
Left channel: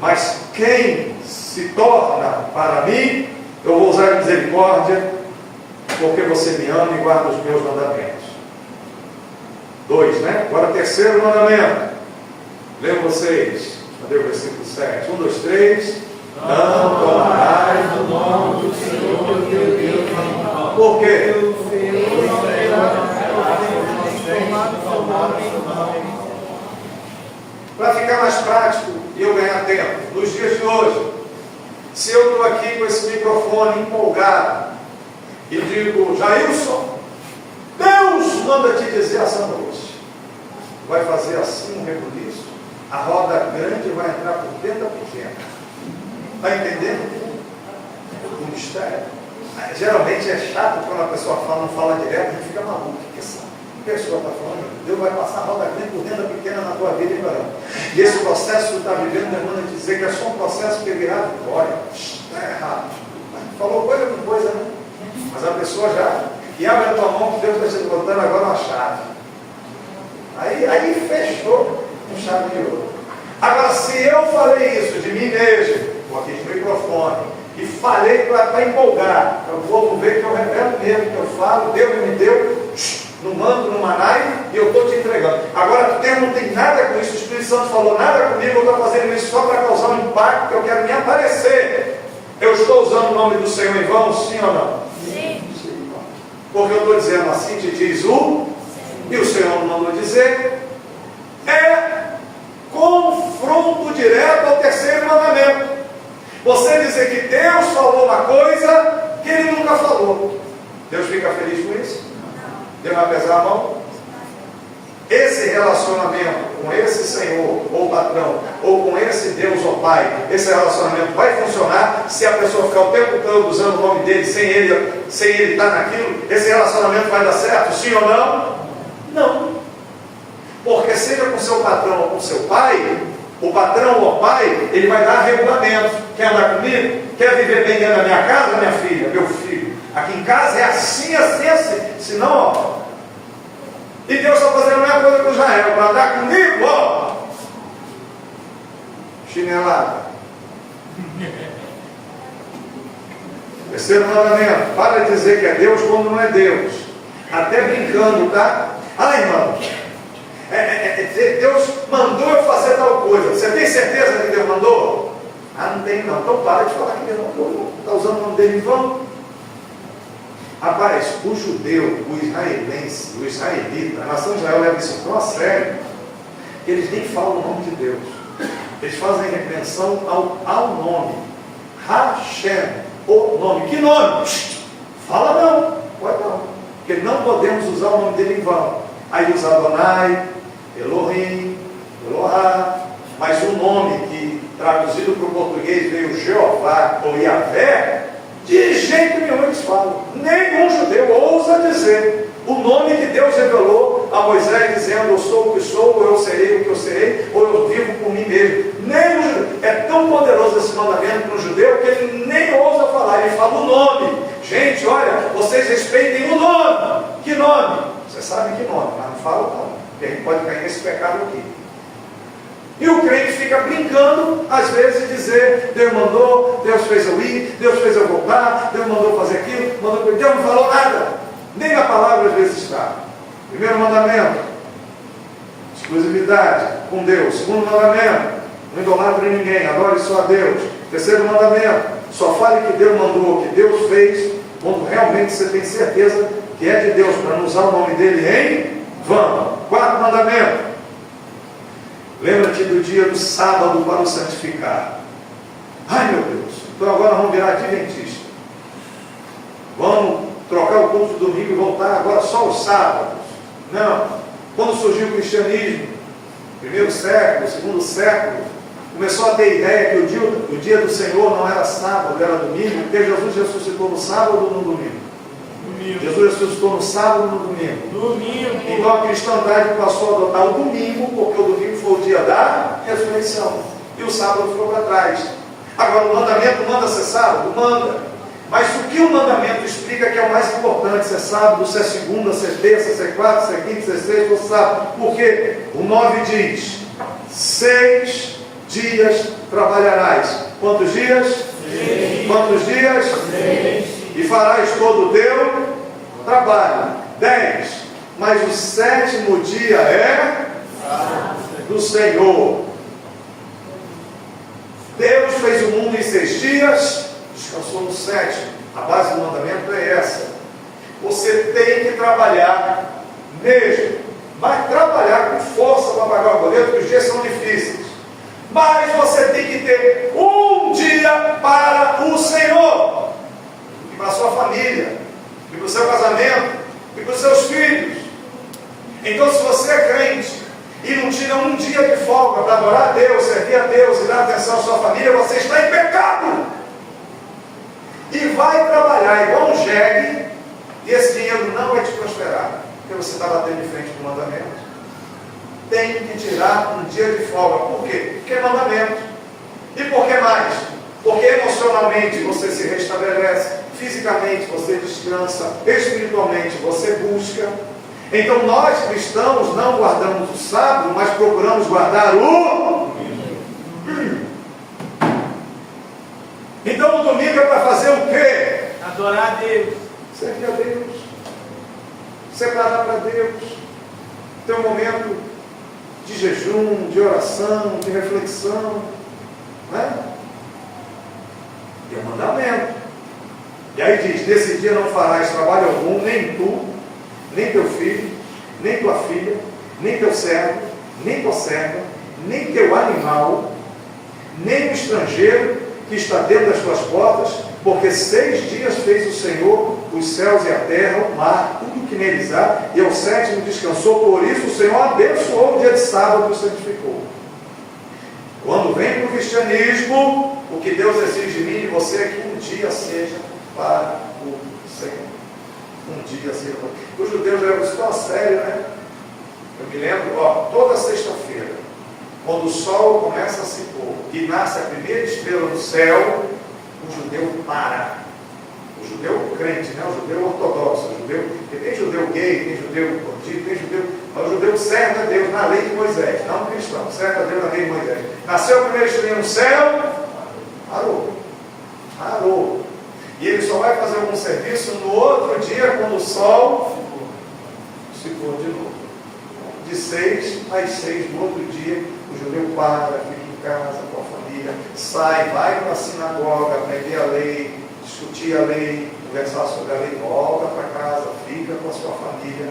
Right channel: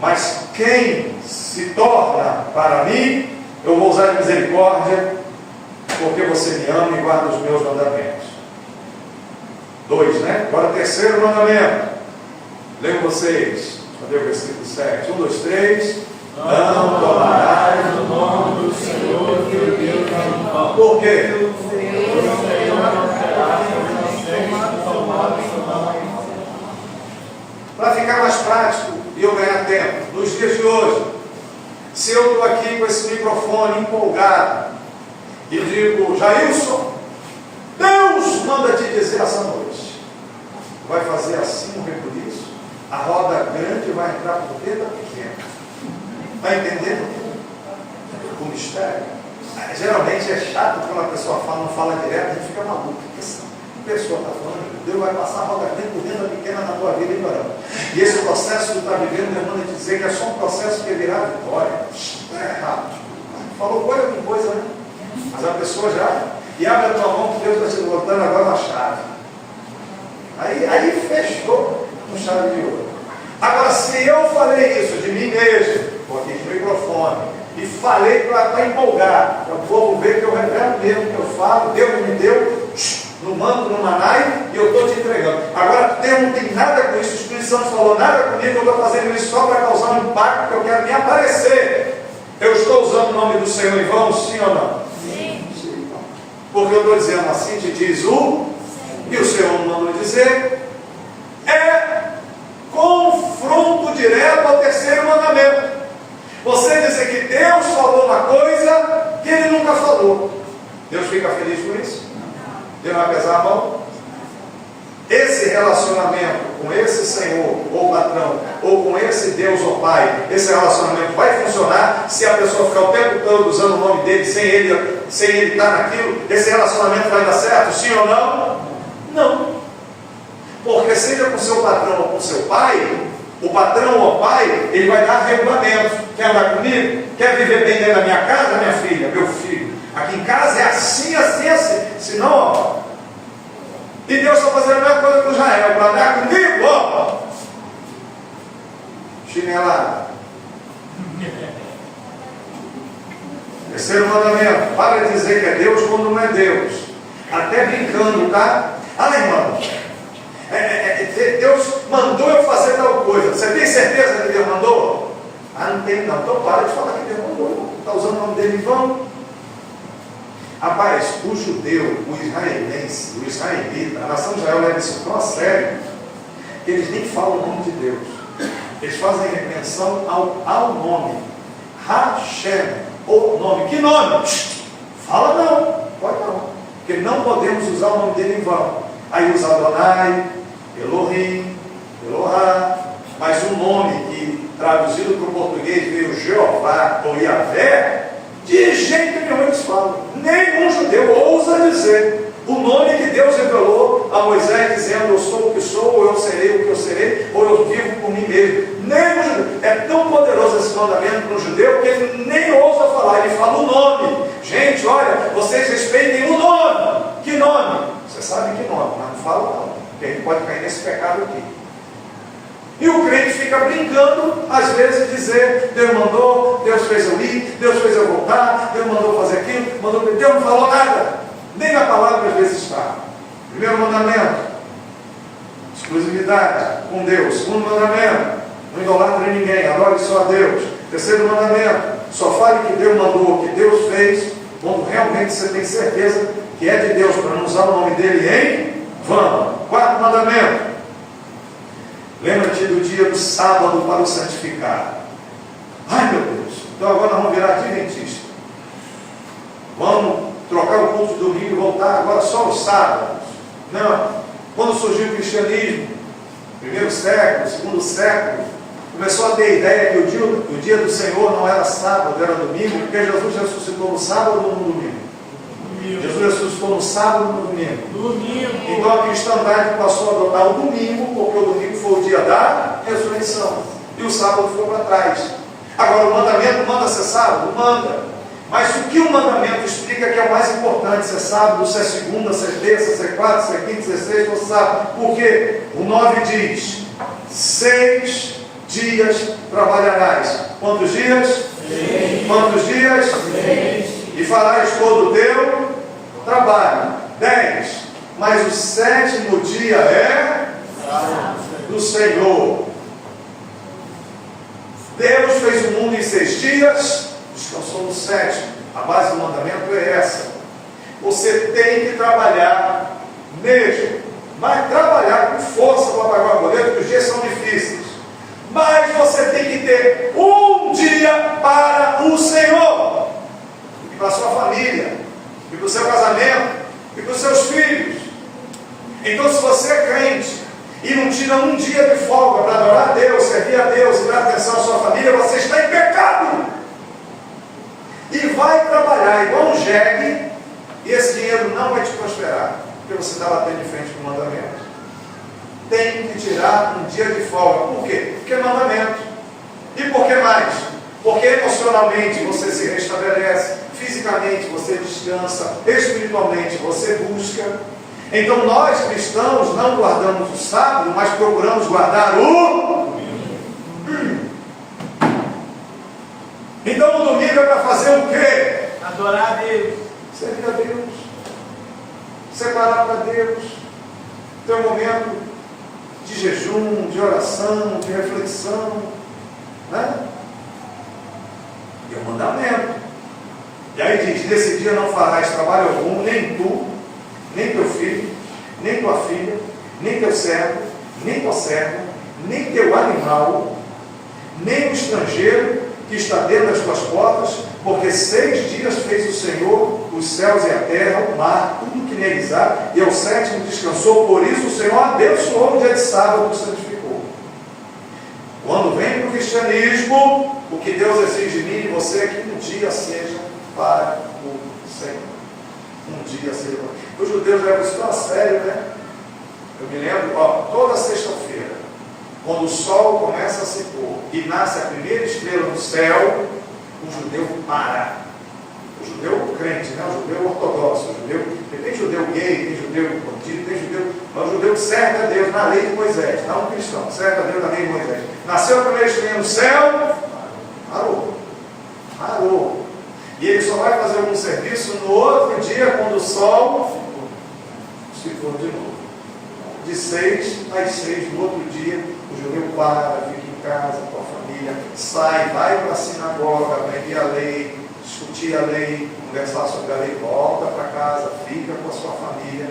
Mas quem se torna para mim, eu vou usar de misericórdia, porque você me ama e guarda os meus mandamentos. 2, né? Agora o 3º mandamento. Leiam vocês. Cadê o versículo 7? 1, 2, 3. Não tomarás o nome do Senhor teu Deus. Por quê? Para ficar mais prático e eu ganhar tempo, nos dias de hoje, se eu estou aqui com esse microfone empolgado e digo: Jailson, Deus manda te dizer essa noite, vai fazer assim um rebuliço, a roda grande vai entrar por dentro da pequena. Está entendendo o mistério? Geralmente é chato quando a pessoa não fala direto, a gente fica maluco, porque essa pessoa está falando, Deus vai passar a roda grande por dentro da pequena na tua vida, hein, varão? E esse processo que tu está vivendo, Deus manda te dizer que é só um processo que virá vitória. Está errado. Falou coisa com coisa, né? Mas a pessoa já, e abre a tua mão que Deus está te botando agora uma chave. Aí fechou com chave de ouro. Agora, se eu falei isso de mim mesmo, coloquei no microfone, e falei para empolgar, para o povo ver que eu revelo mesmo, que eu falo, Deus me deu, no manto, no manai, e eu estou te entregando. Agora, Deus não tem nada com isso, o Espírito Santo falou nada comigo, eu estou fazendo isso só para causar um impacto, que eu quero me aparecer. Eu estou usando o nome do Senhor em vão, sim ou não? Sim. Sim. Porque eu estou dizendo assim, te diz o, e o Senhor não mandou dizer, é confronto direto ao terceiro mandamento. Você dizer que Deus falou uma coisa que Ele nunca falou. Deus fica feliz com isso? Deus vai pesar a mão? Esse relacionamento com esse Senhor ou patrão, ou com esse Deus ou Pai, esse relacionamento vai funcionar se a pessoa ficar o tempo todo usando o nome dele sem ele estar naquilo? Esse relacionamento vai dar certo? Sim ou não? Não. Porque seja com seu patrão ou com seu pai, o patrão ou o pai, ele vai dar regulamento. Quer andar comigo? Quer viver bem dentro da minha casa, minha filha, meu filho? Aqui em casa é assim, assim, assim. Senão, ó. E Deus está fazendo a mesma coisa com Israel. Para andar comigo, ó. Chinelada. Terceiro mandamento. Para de dizer que é Deus quando não é Deus. Até brincando, tá? Ah, irmão. Deus mandou eu fazer tal coisa. Você tem certeza que Deus mandou? Ah, não tem não. Então para de falar que Deus mandou. Está usando o nome dele em vão? Rapaz, o judeu, o israelense, o israelita, a nação de Israel leva isso tão a sério, que eles nem falam o nome de Deus. Eles fazem menção ao nome. Hashem, o nome. Que nome? Fala não. Pode não. Porque não podemos usar o nome dele em vão. Aí usa Adonai, Elohim, Elohá, mas um nome que traduzido para o português veio Jeová ou Yahvé, de jeito nenhum eles falam. Nenhum judeu ousa dizer o nome que Deus revelou a Moisés, dizendo: eu sou o que sou, ou eu serei o que eu serei, ou eu vivo por mim mesmo. Nem o judeu. É tão poderoso esse mandamento para o judeu que ele nem ousa falar, ele fala o nome. Gente, olha, vocês respeitem o nome. Que nome? Você sabe que nome, mas não fala não, porque a gente pode cair nesse pecado aqui. E o crente fica brincando, às vezes, dizer: Deus mandou, Deus fez eu ir, Deus fez eu voltar, Deus mandou fazer aquilo, Deus não falou nada, nem na palavra às vezes está. Primeiro mandamento, exclusividade com Deus. Segundo mandamento, não idolatre ninguém, adore só a Deus. Terceiro mandamento, só fale que Deus mandou, que Deus fez, quando realmente você tem certeza que é de Deus, para não usar o nome dele em vão. Quarto mandamento, lembra-te do dia do sábado para o santificar. Ai meu Deus, então agora vamos virar adventista. Vamos trocar o culto do domingo e voltar agora só os sábados. Não. Quando surgiu o cristianismo, primeiro século, segundo século, começou a ter ideia que o dia do Senhor não era sábado, era domingo, porque Jesus ressuscitou no sábado ou no domingo? Jesus ressuscitou no sábado ou no domingo? Então a cristandade passou a adotar o domingo, porque o domingo foi o dia da ressurreição. E o sábado ficou para trás. Agora o mandamento manda ser sábado? Manda. Mas o que o mandamento explica que é o mais importante? Se é sábado, se é segunda, se é terça, se é quarta, se é quinta, se é sexta, você sabe. Por quê? O 9 diz: 6 dias trabalharás. Quantos dias? 6. Quantos dias? 6. E farás todo o teu trabalho. 10. Mas o 7º dia é do Senhor. Deus fez o mundo em 6 dias, descansou no 7º. A base do mandamento é essa. Você tem que trabalhar mesmo. Vai trabalhar com força para pagar o boleto, porque os dias são difíceis. Mas você tem que ter um dia para o Senhor, e para a sua família, e para o seu casamento, e para os seus filhos. Então, se você é crente e não tira um dia de folga para adorar a Deus, servir a Deus e dar atenção à sua família, você está em pecado. E vai trabalhar igual um jegue, e esse dinheiro não vai te prosperar, porque você está batendo de frente com o mandamento. Tem que tirar um dia de folga. Por quê? Porque é mandamento. E por que mais? Porque emocionalmente você se restabelece, fisicamente você descansa, espiritualmente você busca. Então nós cristãos não guardamos o sábado, mas procuramos guardar o Então o domingo é para fazer o quê? Adorar a Deus, servir a Deus, separar para Deus, ter um momento de jejum, de oração, de reflexão, né? É um mandamento. E aí diz: nesse dia não farás trabalho algum, nem tu, nem teu filho, nem tua filha, nem teu servo, nem tua serva, nem teu animal, nem o estrangeiro que está dentro das tuas portas, porque 6 dias fez o Senhor os céus e a terra, o mar, tudo que neles há, e ao 7º descansou. Por isso o Senhor abençoou o dia de sábado e santificou. Quando vem para o cristianismo, o que Deus exige de mim e de você é que um dia seja para o Senhor. Um dia seja para os judeus levam isso tão a sério, né? Eu me lembro, toda sexta-feira, quando o sol começa a se pôr e nasce a primeira estrela no céu, o judeu para. O judeu crente, né? O judeu ortodoxo, o judeu, tem judeu gay, tem judeu convertido, tem judeu, mas o judeu serve a Deus na lei de Moisés, não o cristão, serve a Deus na lei de Moisés. Nasceu a primeira estrela no céu, parou. E ele só vai fazer algum serviço no outro dia, quando o sol se pôr de novo. De 6 às 6 no outro dia, o judeu para, fica em casa com a família, sai, vai para a sinagoga, aprender a lei, discutir a lei, conversar sobre a lei, volta para casa, fica com a sua família.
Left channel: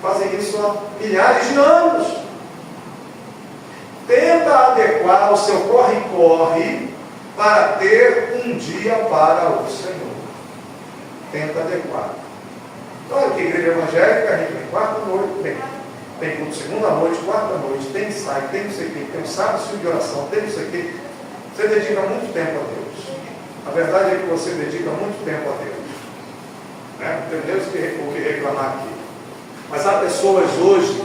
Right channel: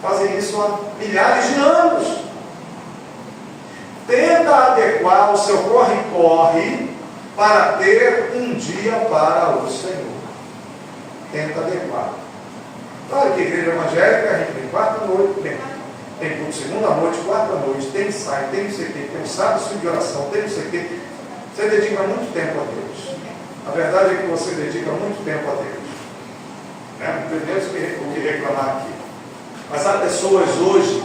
Fazem isso há milhares de anos. Tenta adequar o seu corre-corre para ter um dia para o Senhor. Tenta adequar. Claro que a igreja evangélica, a gente tem quarta noite, tem culto segunda noite, quarta noite, tem ensaio, tem não sei o que, tem um sábado de oração, tem não sei o que. Você dedica muito tempo a Deus. A verdade é que você dedica muito tempo a Deus. Não tem Deus o que reclamar aqui. Mas há pessoas hoje,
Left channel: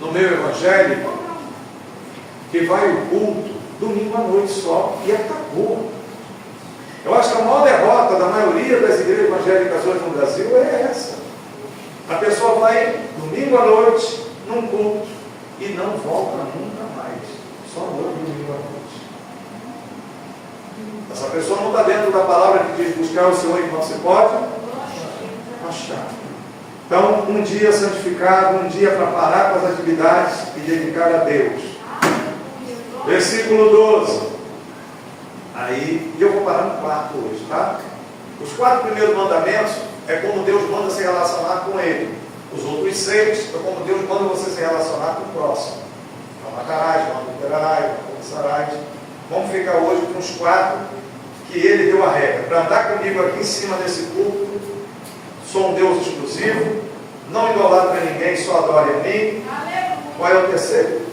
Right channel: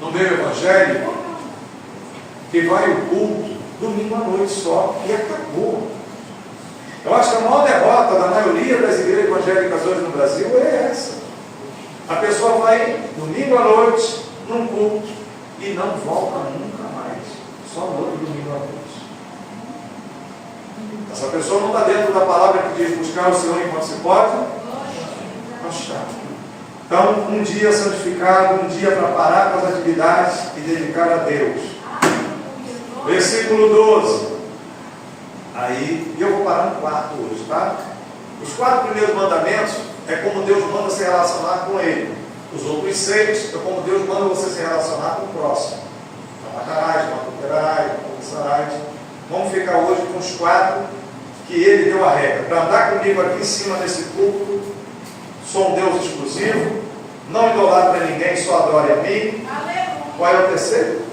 no meio evangélico, que vai ao culto domingo à noite só e acabou. Eu acho que a maior derrota da maioria das igrejas evangélicas hoje no Brasil é essa. A pessoa vai domingo à noite num culto e não volta nunca mais. Só no domingo à noite. Essa pessoa não está dentro da palavra que diz buscar o Senhor enquanto se pode achar. Então, um dia santificado, um dia para parar com as atividades e dedicar a Deus. Versículo 12. Aí, eu vou parar no 4 hoje, tá? Os 4 primeiros mandamentos é como Deus manda se relacionar com Ele. Os outros 6 é como Deus manda você se relacionar com o próximo. Não matarás, não adulterarás, não cobiçarás. Vamos ficar hoje com os 4 que Ele deu a regra. Para andar comigo aqui em cima desse púlpito, sou um Deus exclusivo, não idolatra ninguém, só adore a mim. Qual é o terceiro?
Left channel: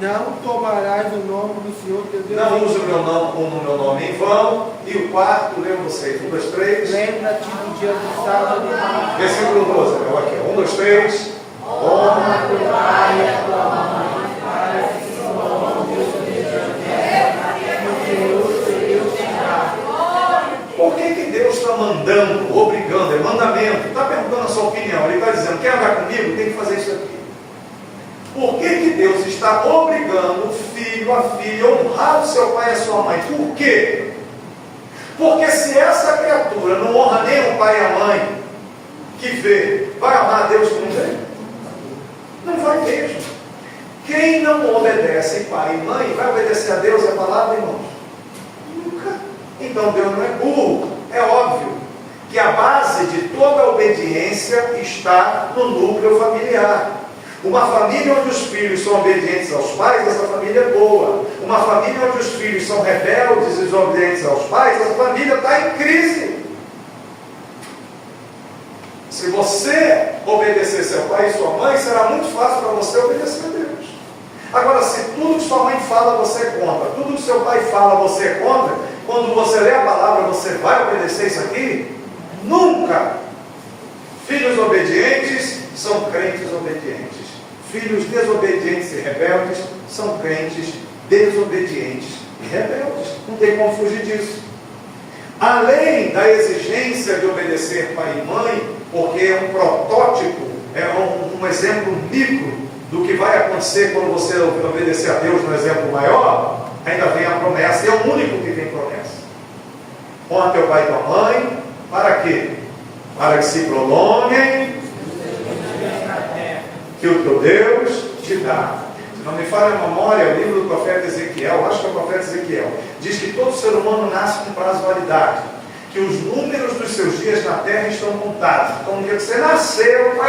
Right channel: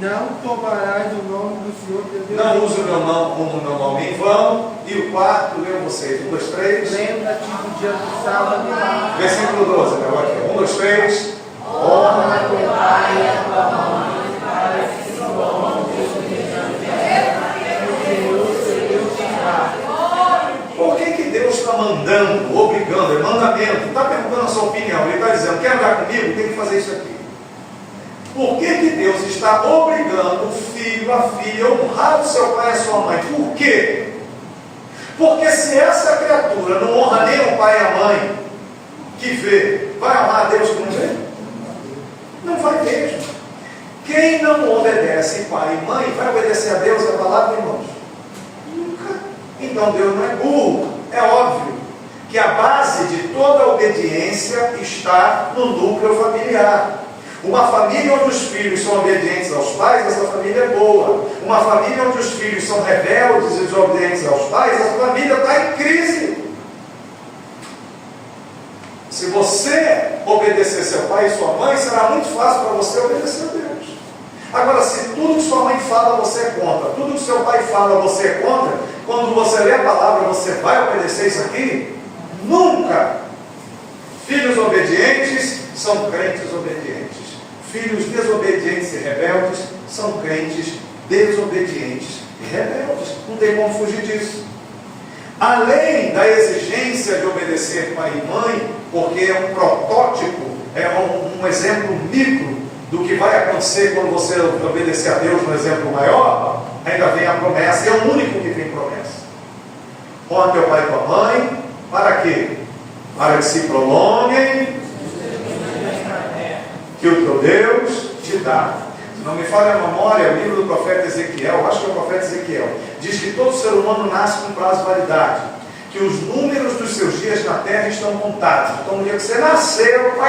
Não tomarás o nome do Senhor teu Deus. Não use o meu nome em vão. E o 4, leiam vocês. 1, 2, 3. Lembra-te do dia do sábado. Versículo 12. Eu aqui. 1, 2, 3. Honra teu pai e a tua mãe, para que se bom Deus o Senhor teu terá. Por que Deus está mandando, obrigando? É mandamento. Não está perguntando a sua opinião. Ele está dizendo: quer andar comigo? Tem que fazer isso aqui. Por que Deus está obrigando o filho, a filha, a honrar o seu pai e a sua mãe? Por quê? Porque se essa criatura não honra nem o pai e a mãe que vê, vai amar a Deus que não vê? Não vai mesmo. Quem não obedece pai e mãe, vai obedecer a Deus e a palavra, irmãos? Nunca. Então Deus não é burro. É óbvio que a base de toda a obediência está no núcleo familiar. Uma família onde os filhos são obedientes aos pais, essa família é boa. Uma família onde os filhos são rebeldes e desobedientes aos pais, essa família está em crise. Se você obedecer seu pai e sua mãe, será muito fácil para você obedecer a Deus. Agora, se tudo que sua mãe fala você é contra, tudo que seu pai fala você é contra, quando você lê a palavra, você vai obedecer isso aqui? Nunca! Filhos obedientes são crentes obedientes. Filhos desobedientes e rebeldes são crentes desobedientes e rebeldes. Não tem como fugir disso. Além da exigência de obedecer pai e mãe, porque é um protótipo, é um exemplo micro do que vai acontecer quando você obedecer a Deus no exemplo maior, ainda vem a promessa, e é o único que tem promessa. Honra teu pai e tua mãe, para quê? Para que se prolonguem que o teu Deus te dá. Se não me falha a memória, o livro do profeta Ezequiel, acho que é o profeta Ezequiel, diz que todo ser humano nasce com prazo de validade, que os números dos seus dias na terra estão contados. Então, no dia que você nasceu,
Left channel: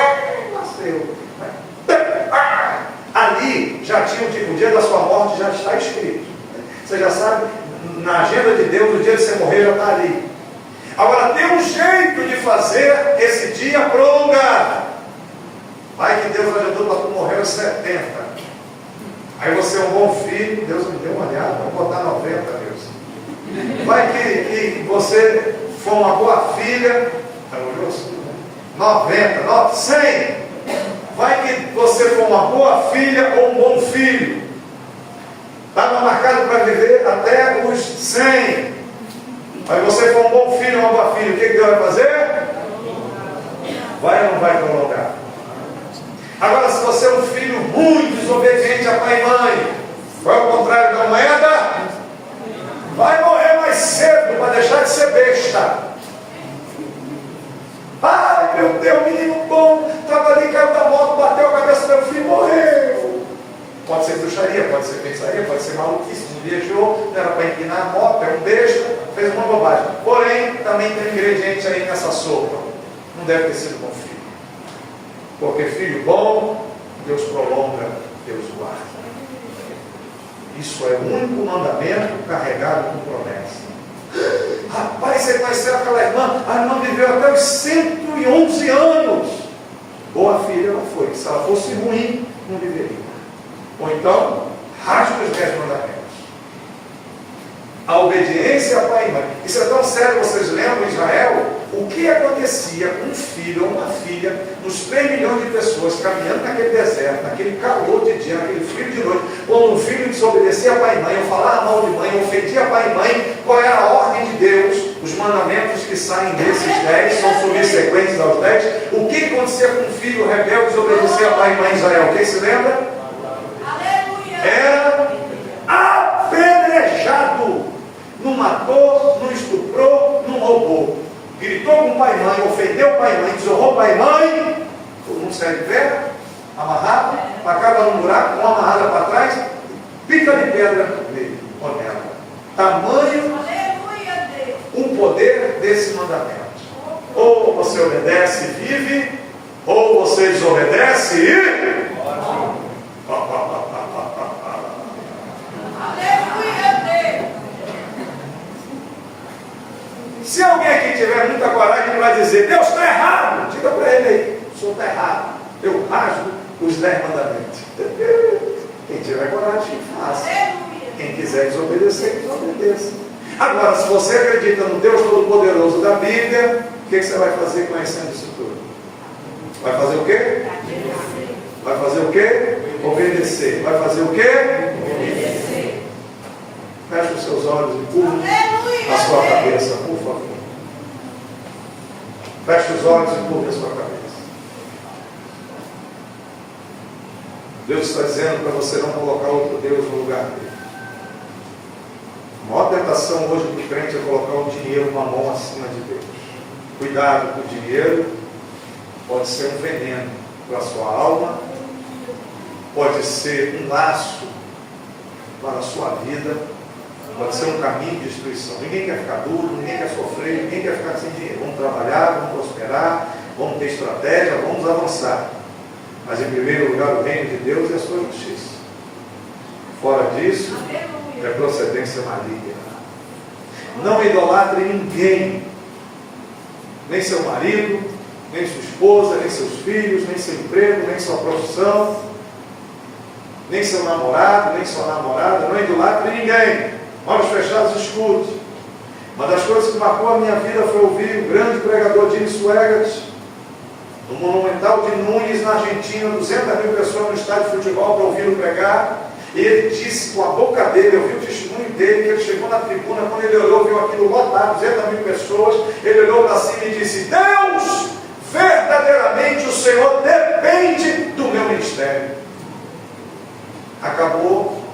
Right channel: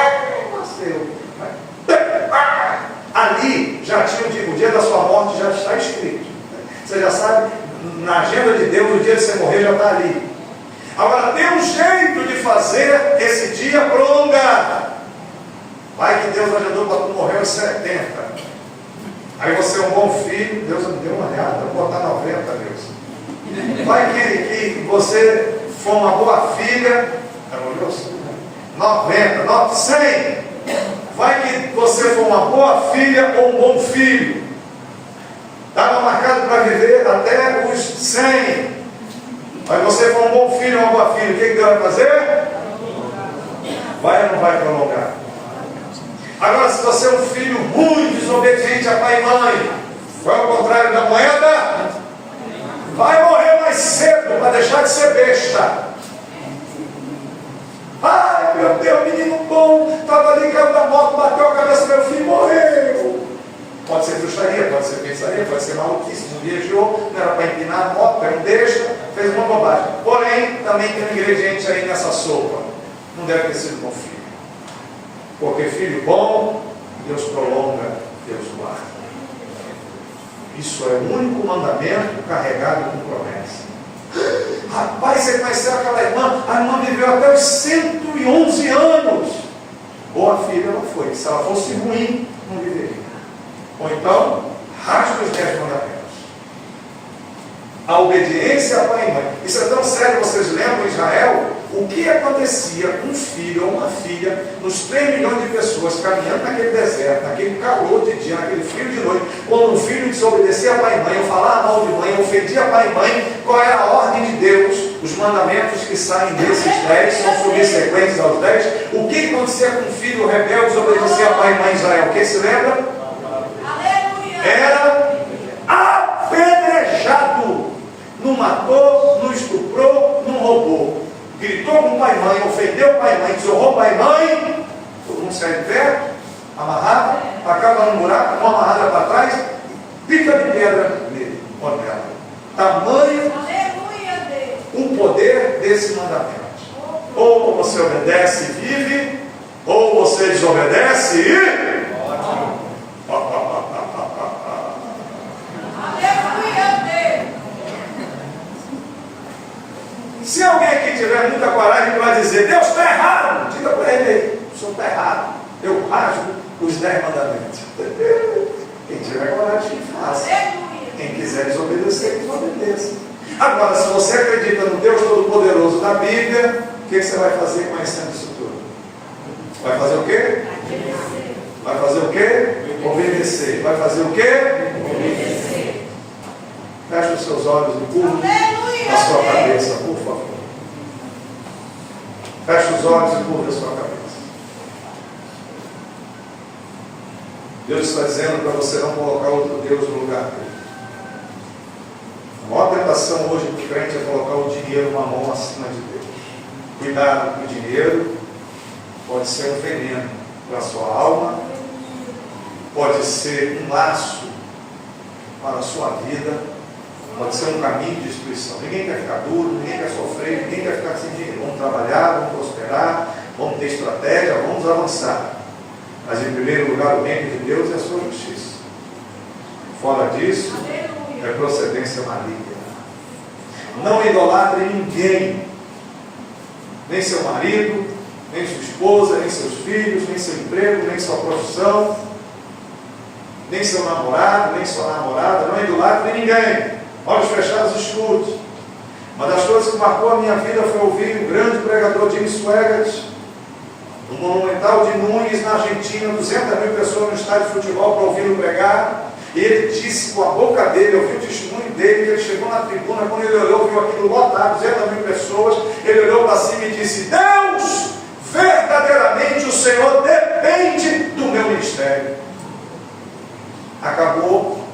ali já tinha o dia da sua morte, já está escrito. Você já sabe, na agenda de Deus, o dia de você morrer já está ali. Agora, tem um jeito de fazer esse dia prolongado. Vai que Deus ajudou para tu morrer aos 70. Aí você é um bom filho, Deus me deu uma olhada, vou botar 90, Deus. Vai que você for uma boa filha, 90, 100. Vai que você for uma boa filha ou um bom filho. Estava marcado para viver até os 100. Aí você for um bom filho ou uma boa filha, o que Deus vai fazer? Vai ou não vai prolongar? Agora, se você é um filho muito desobediente a pai e mãe, vai ao contrário da moeda, vai morrer mais cedo para deixar de ser besta. Ai meu Deus, menino bom, estava ali, caiu da moto, bateu a cabeça do meu filho, morreu. Pode ser bruxaria, pode ser pensaria, pode ser maluquice, não viajou, não era para empinar a moto, era um besta, fez uma bobagem. Porém, também tem um ingrediente aí nessa sopa, não deve ter sido bom filho. Porque filho bom, Deus prolonga, Deus guarda. Isso é o único mandamento carregado com promessa. Rapaz, você conheceu aquela irmã? A irmã viveu até os 111 anos. Boa filha ela foi. Se ela fosse ruim, não viveria. Ou então, rasgue os 10 mandamentos. A obediência a pai e mãe. Isso é tão sério, vocês lembram em Israel? O que acontecia com um filho ou uma filha, nos 3 milhões de pessoas caminhando naquele deserto, naquele calor de dia, naquele frio de noite, quando um filho desobedecia a pai e mãe, ou falava mal de mãe, ou ofendia pai e mãe, qual era a ordem de Deus? Os mandamentos que saem desses 10 são subsequentes aos 10. O que acontecia com um filho rebelde desobedecia a pai e mãe em Israel? Quem se lembra? Era apedrejado. Não matou, não estuprou, não roubou. Gritou com o pai e mãe, ofendeu o pai e mãe, desonrou o pai e mãe, todo mundo sai de pé, amarrado, acaba no buraco, uma amarrada para trás, pica de pedra nele, ou nela. Tamanho o poder desse mandamento. Ou você obedece e vive, ou você desobedece e... Se alguém aqui tiver muita coragem para dizer, Deus está errado, diga para ele aí, o senhor está errado, eu rasgo os 10 mandamentos. Quem tiver coragem, que faça. Quem quiser desobedecer, desobedeça. Agora, se você acredita no Deus Todo-Poderoso da Bíblia, o que você vai fazer conhecendo isso tudo? Vai fazer o quê? Vai fazer o quê? Obedecer. Vai fazer o quê? Obedecer. Feche os seus olhos e curva a sua cabeça, por favor. Feche os olhos e curva a sua cabeça. Deus está dizendo para você não colocar outro Deus no lugar dele. A maior tentação hoje do crente é colocar o dinheiro, uma mão acima de Deus. Cuidado com o dinheiro, pode ser um veneno para a sua alma, pode ser um laço para a sua vida, pode ser um caminho de destruição. Ninguém quer ficar duro, ninguém quer sofrer, ninguém quer ficar sem dinheiro. Vamos trabalhar, vamos prosperar, vamos ter estratégia, vamos avançar. Mas em primeiro lugar o reino de Deus e a sua justiça. Fora disso, é procedência maligna. Não idolatre ninguém, nem seu marido, nem sua esposa, nem seus filhos, nem seu emprego, nem sua profissão, nem seu namorado, nem sua namorada. Não idolatre ninguém. Olhos fechados, escute. Uma das coisas que marcou a minha vida foi ouvir o grande pregador Jim Swaggart no Monumental de Nunes, na Argentina, 200.000 pessoas no estádio de futebol para ouvi-lo pregar. E ele disse com a boca dele, eu vi o testemunho dele, que ele chegou na tribuna, quando ele olhou, viu aquilo lotado, 200.000 pessoas, ele olhou para cima e disse, Deus, verdadeiramente o Senhor depende do meu ministério. Acabou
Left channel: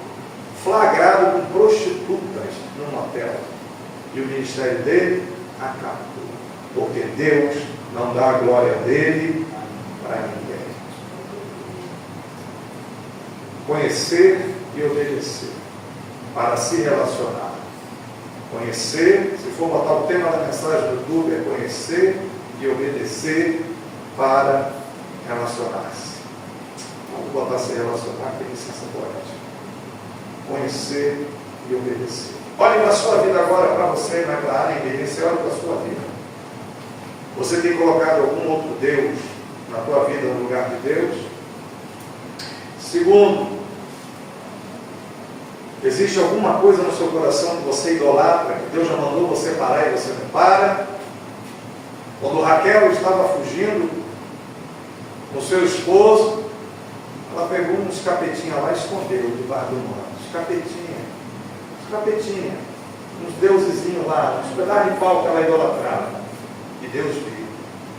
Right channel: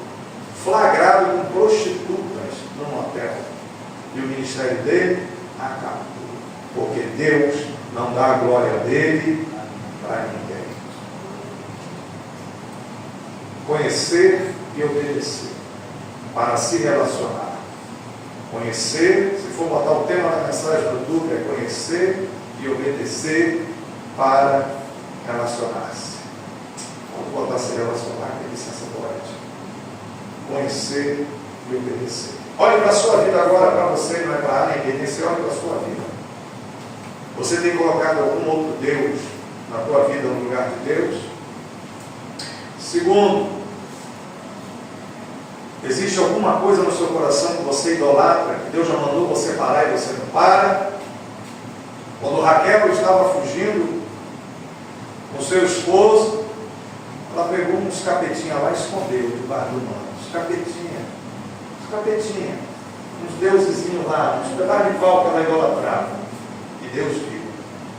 flagrado com prostitutas num hotel. E o ministério dele acabou. Porque Deus não dá a glória dele para ninguém. conhecer e obedecer, para se relacionar. Conhecer, se for botar o tema da mensagem do YouTube, é conhecer e obedecer para relacionar-se. Vamos botar se relacionar, que licença poética. Conhecer e obedecer. Olhe para a sua vida agora, para você, não é para ninguém, você olha para a sua vida. Você tem colocado algum outro Deus na tua vida no lugar de Deus? Segundo, existe alguma coisa no seu coração que você idolatra, que Deus já mandou você parar e você não para? Quando Raquel estava fugindo com seu esposo, ela pegou uns capetinhos lá e escondeu debaixo do manto. Uns capetinhos, uns deusezinhos lá, uns pedaços de pau que ela idolatrava. E Deus viu.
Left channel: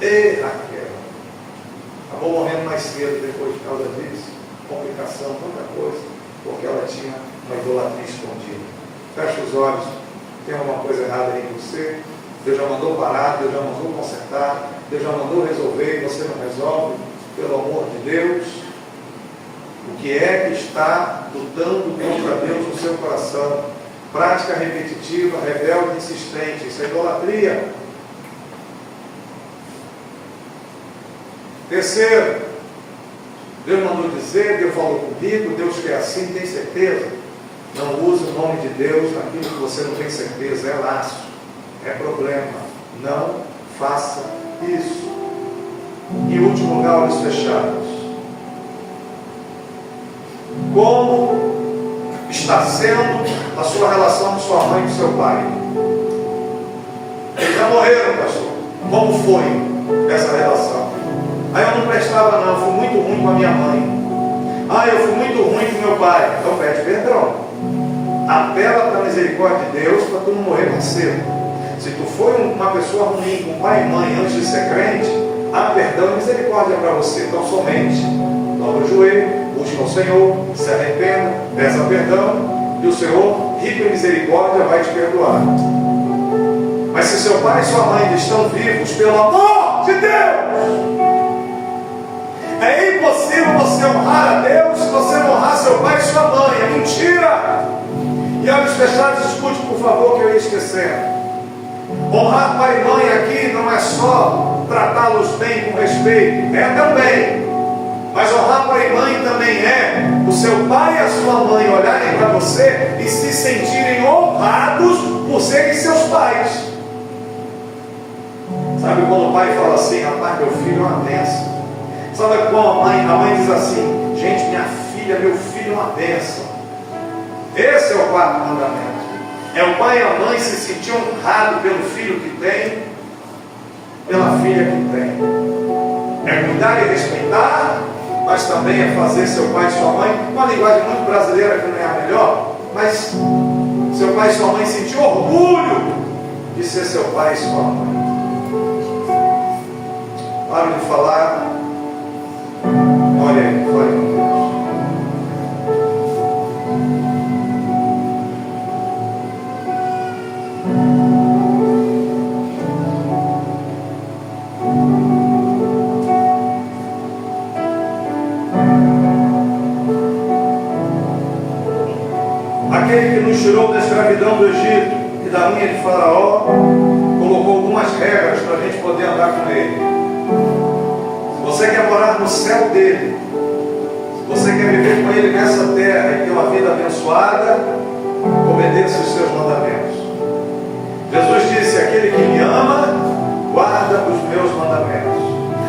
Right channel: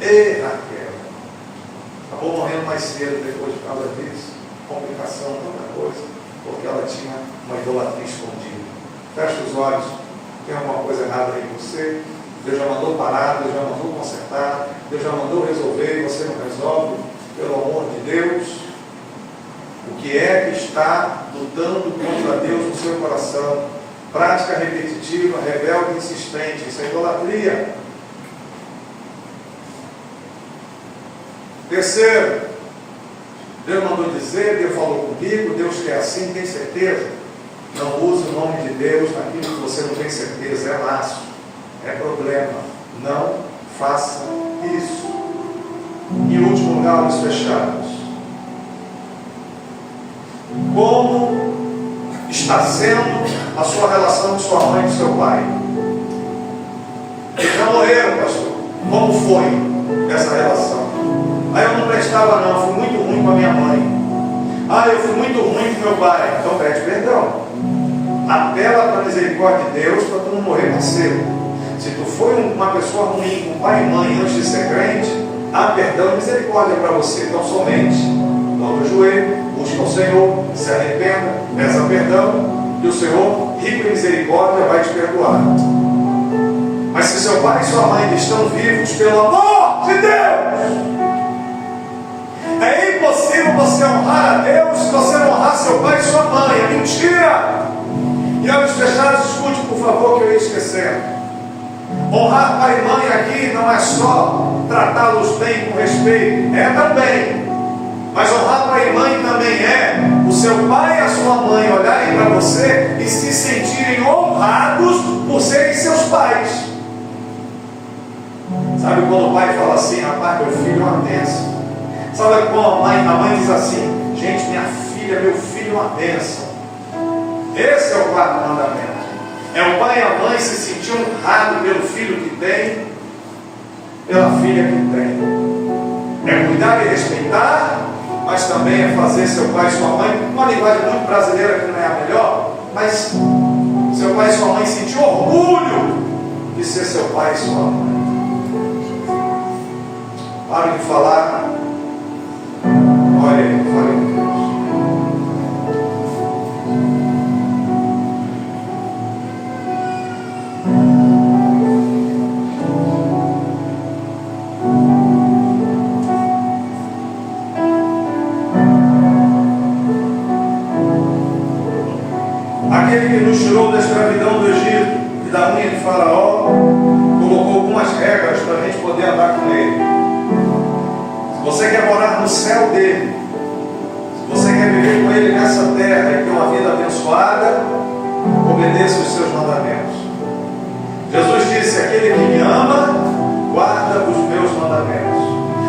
Ei, Raquel, acabou morrendo mais cedo depois por causa disso, complicação, tanta coisa, porque ela tinha uma idolatria escondida. Fecha os olhos, tem alguma coisa errada aí em você? Deus já mandou parar, Deus já mandou consertar, Deus já mandou resolver e você não resolve, pelo amor de Deus. O que é que está lutando contra Deus no seu coração? Prática repetitiva, rebelde e insistente, isso é idolatria. Terceiro, Deus mandou dizer, Deus falou comigo, Deus quer assim, tem certeza? Não use o nome de Deus naquilo que você não tem certeza, é laço, é problema. Não faça isso. Em último lugar, olhos fechados. Como está sendo a sua relação com sua mãe e com seu pai? Eles já morreram, pastor. Como foi essa relação? Eu não prestava não, fui muito ruim com a minha mãe. Eu fui muito ruim com meu pai. Então pede perdão. Apela para a misericórdia de Deus para tu não morrer mais cedo. Se tu foi uma pessoa ruim com pai e mãe antes de ser crente, há perdão e misericórdia para você. Então somente dobra o joelho, busca o Senhor, se arrependa, peça perdão, e o Senhor, rico em misericórdia, vai te perdoar. Mas se seu pai e sua mãe estão vivos, pelo amor de Deus, é impossível você honrar a Deus se você não honrar seu pai e sua mãe. É mentira. E olhos fechados, escute por favor que eu ia esquecendo. Honrar pai e mãe aqui não é só tratá-los bem com respeito, é também. Mas honrar pai e mãe também é o seu pai e a sua mãe olharem para você e se sentirem honrados por serem seus pais. Sabe quando o pai fala assim, rapaz, meu filho é uma bênção. Sabe quando a mãe diz assim, gente, minha filha, meu filho é uma bênção. Esse é o quarto mandamento. É o pai e a mãe se sentir honrado pelo filho que tem, pela filha que tem. É cuidar e respeitar, mas também é fazer seu pai e sua mãe, uma linguagem muito brasileira que não é a melhor, mas seu pai e sua mãe sentir orgulho de ser seu pai e sua mãe. Paro de falar. Olha aí, glória a Deus. Aquele que nos tirou da escravidão do Egito, que da unha de Faraó colocou algumas regras para a gente poder andar com ele. Você quer morar no céu dele, se você quer viver com ele nessa terra e ter uma vida abençoada, obedeça os seus mandamentos. Jesus disse, aquele que me ama, guarda os meus mandamentos.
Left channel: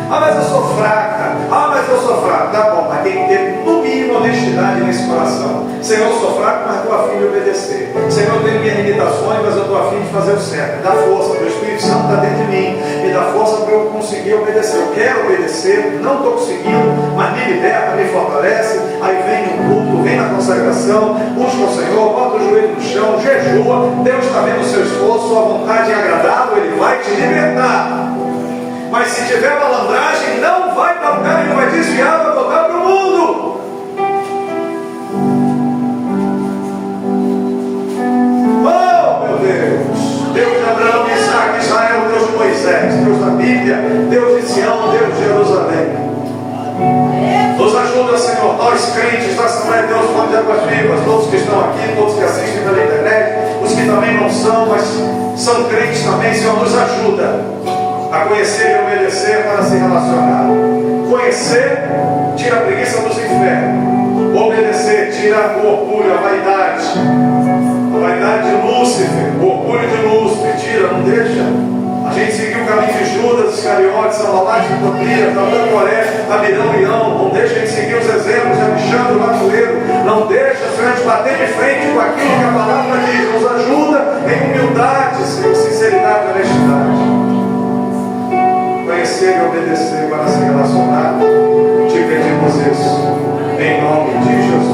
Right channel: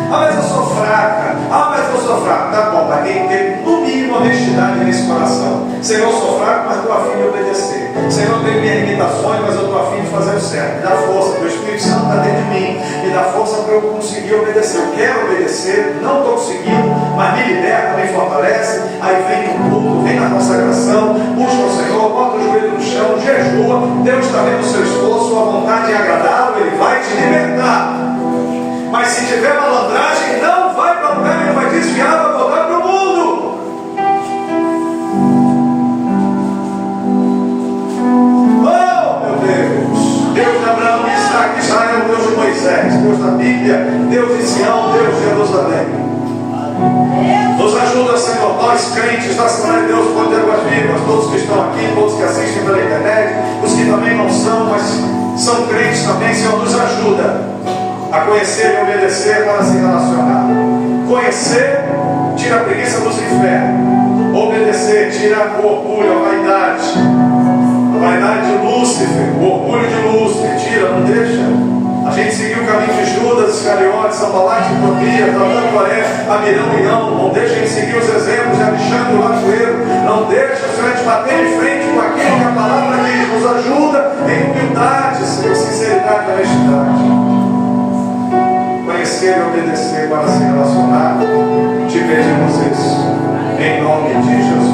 Mas eu sou fraca, tá bom, mas tem que ter no mínimo honestidade nesse coração. Senhor, eu sou fraco, mas estou a fim de obedecer. Senhor, eu tenho minhas limitações, mas eu estou a fim de fazer o certo. Me dá força, o Espírito Santo está dentro de mim, me dá força para eu conseguir obedecer. Eu quero obedecer, não estou conseguindo, mas me liberta, me fortalece. Aí vem no culto, vem na consagração, busca o Senhor, bota o joelho no chão, jejua. Deus está vendo o seu esforço, sua vontade é agradável, Ele vai te libertar. Mas se tiver malandragem, não vai para o lugar, Ele vai desviar, vai voltar para o mundo. Oh, meu Deus! Deus de Abraão, de Isaac, Israel, Deus de Moisés, Deus da Bíblia, Deus de Sião, Deus de Jerusalém. Nos ajuda, Senhor. Nós crentes da Assembleia de Deus, Fonte de Águas Vivas, todos que estão aqui, todos que assistem pela internet, os que também não são, mas são crentes também, Senhor, nos ajuda a conhecer e obedecer para se relacionar. Conhecer, tira a preguiça dos infernos. Obedecer, tira o orgulho, a vaidade de Lúcifer, o orgulho de Lúcifer, tira, não deixa. A gente seguiu o caminho de Judas, Iscariotes, Sambalate, Tobias, Dabu, Noé, Abirão e Ão. Não deixa a gente seguir os exemplos de Alexandre Latoeiro. Não deixa, Senhor, a gente bater de frente com aquilo que a palavra diz. Nos ajuda em humildade, Senhor, sinceridade e honestidade. Conhecer e obedecer para se relacionar. Te pedimos isso, em nome de Jesus.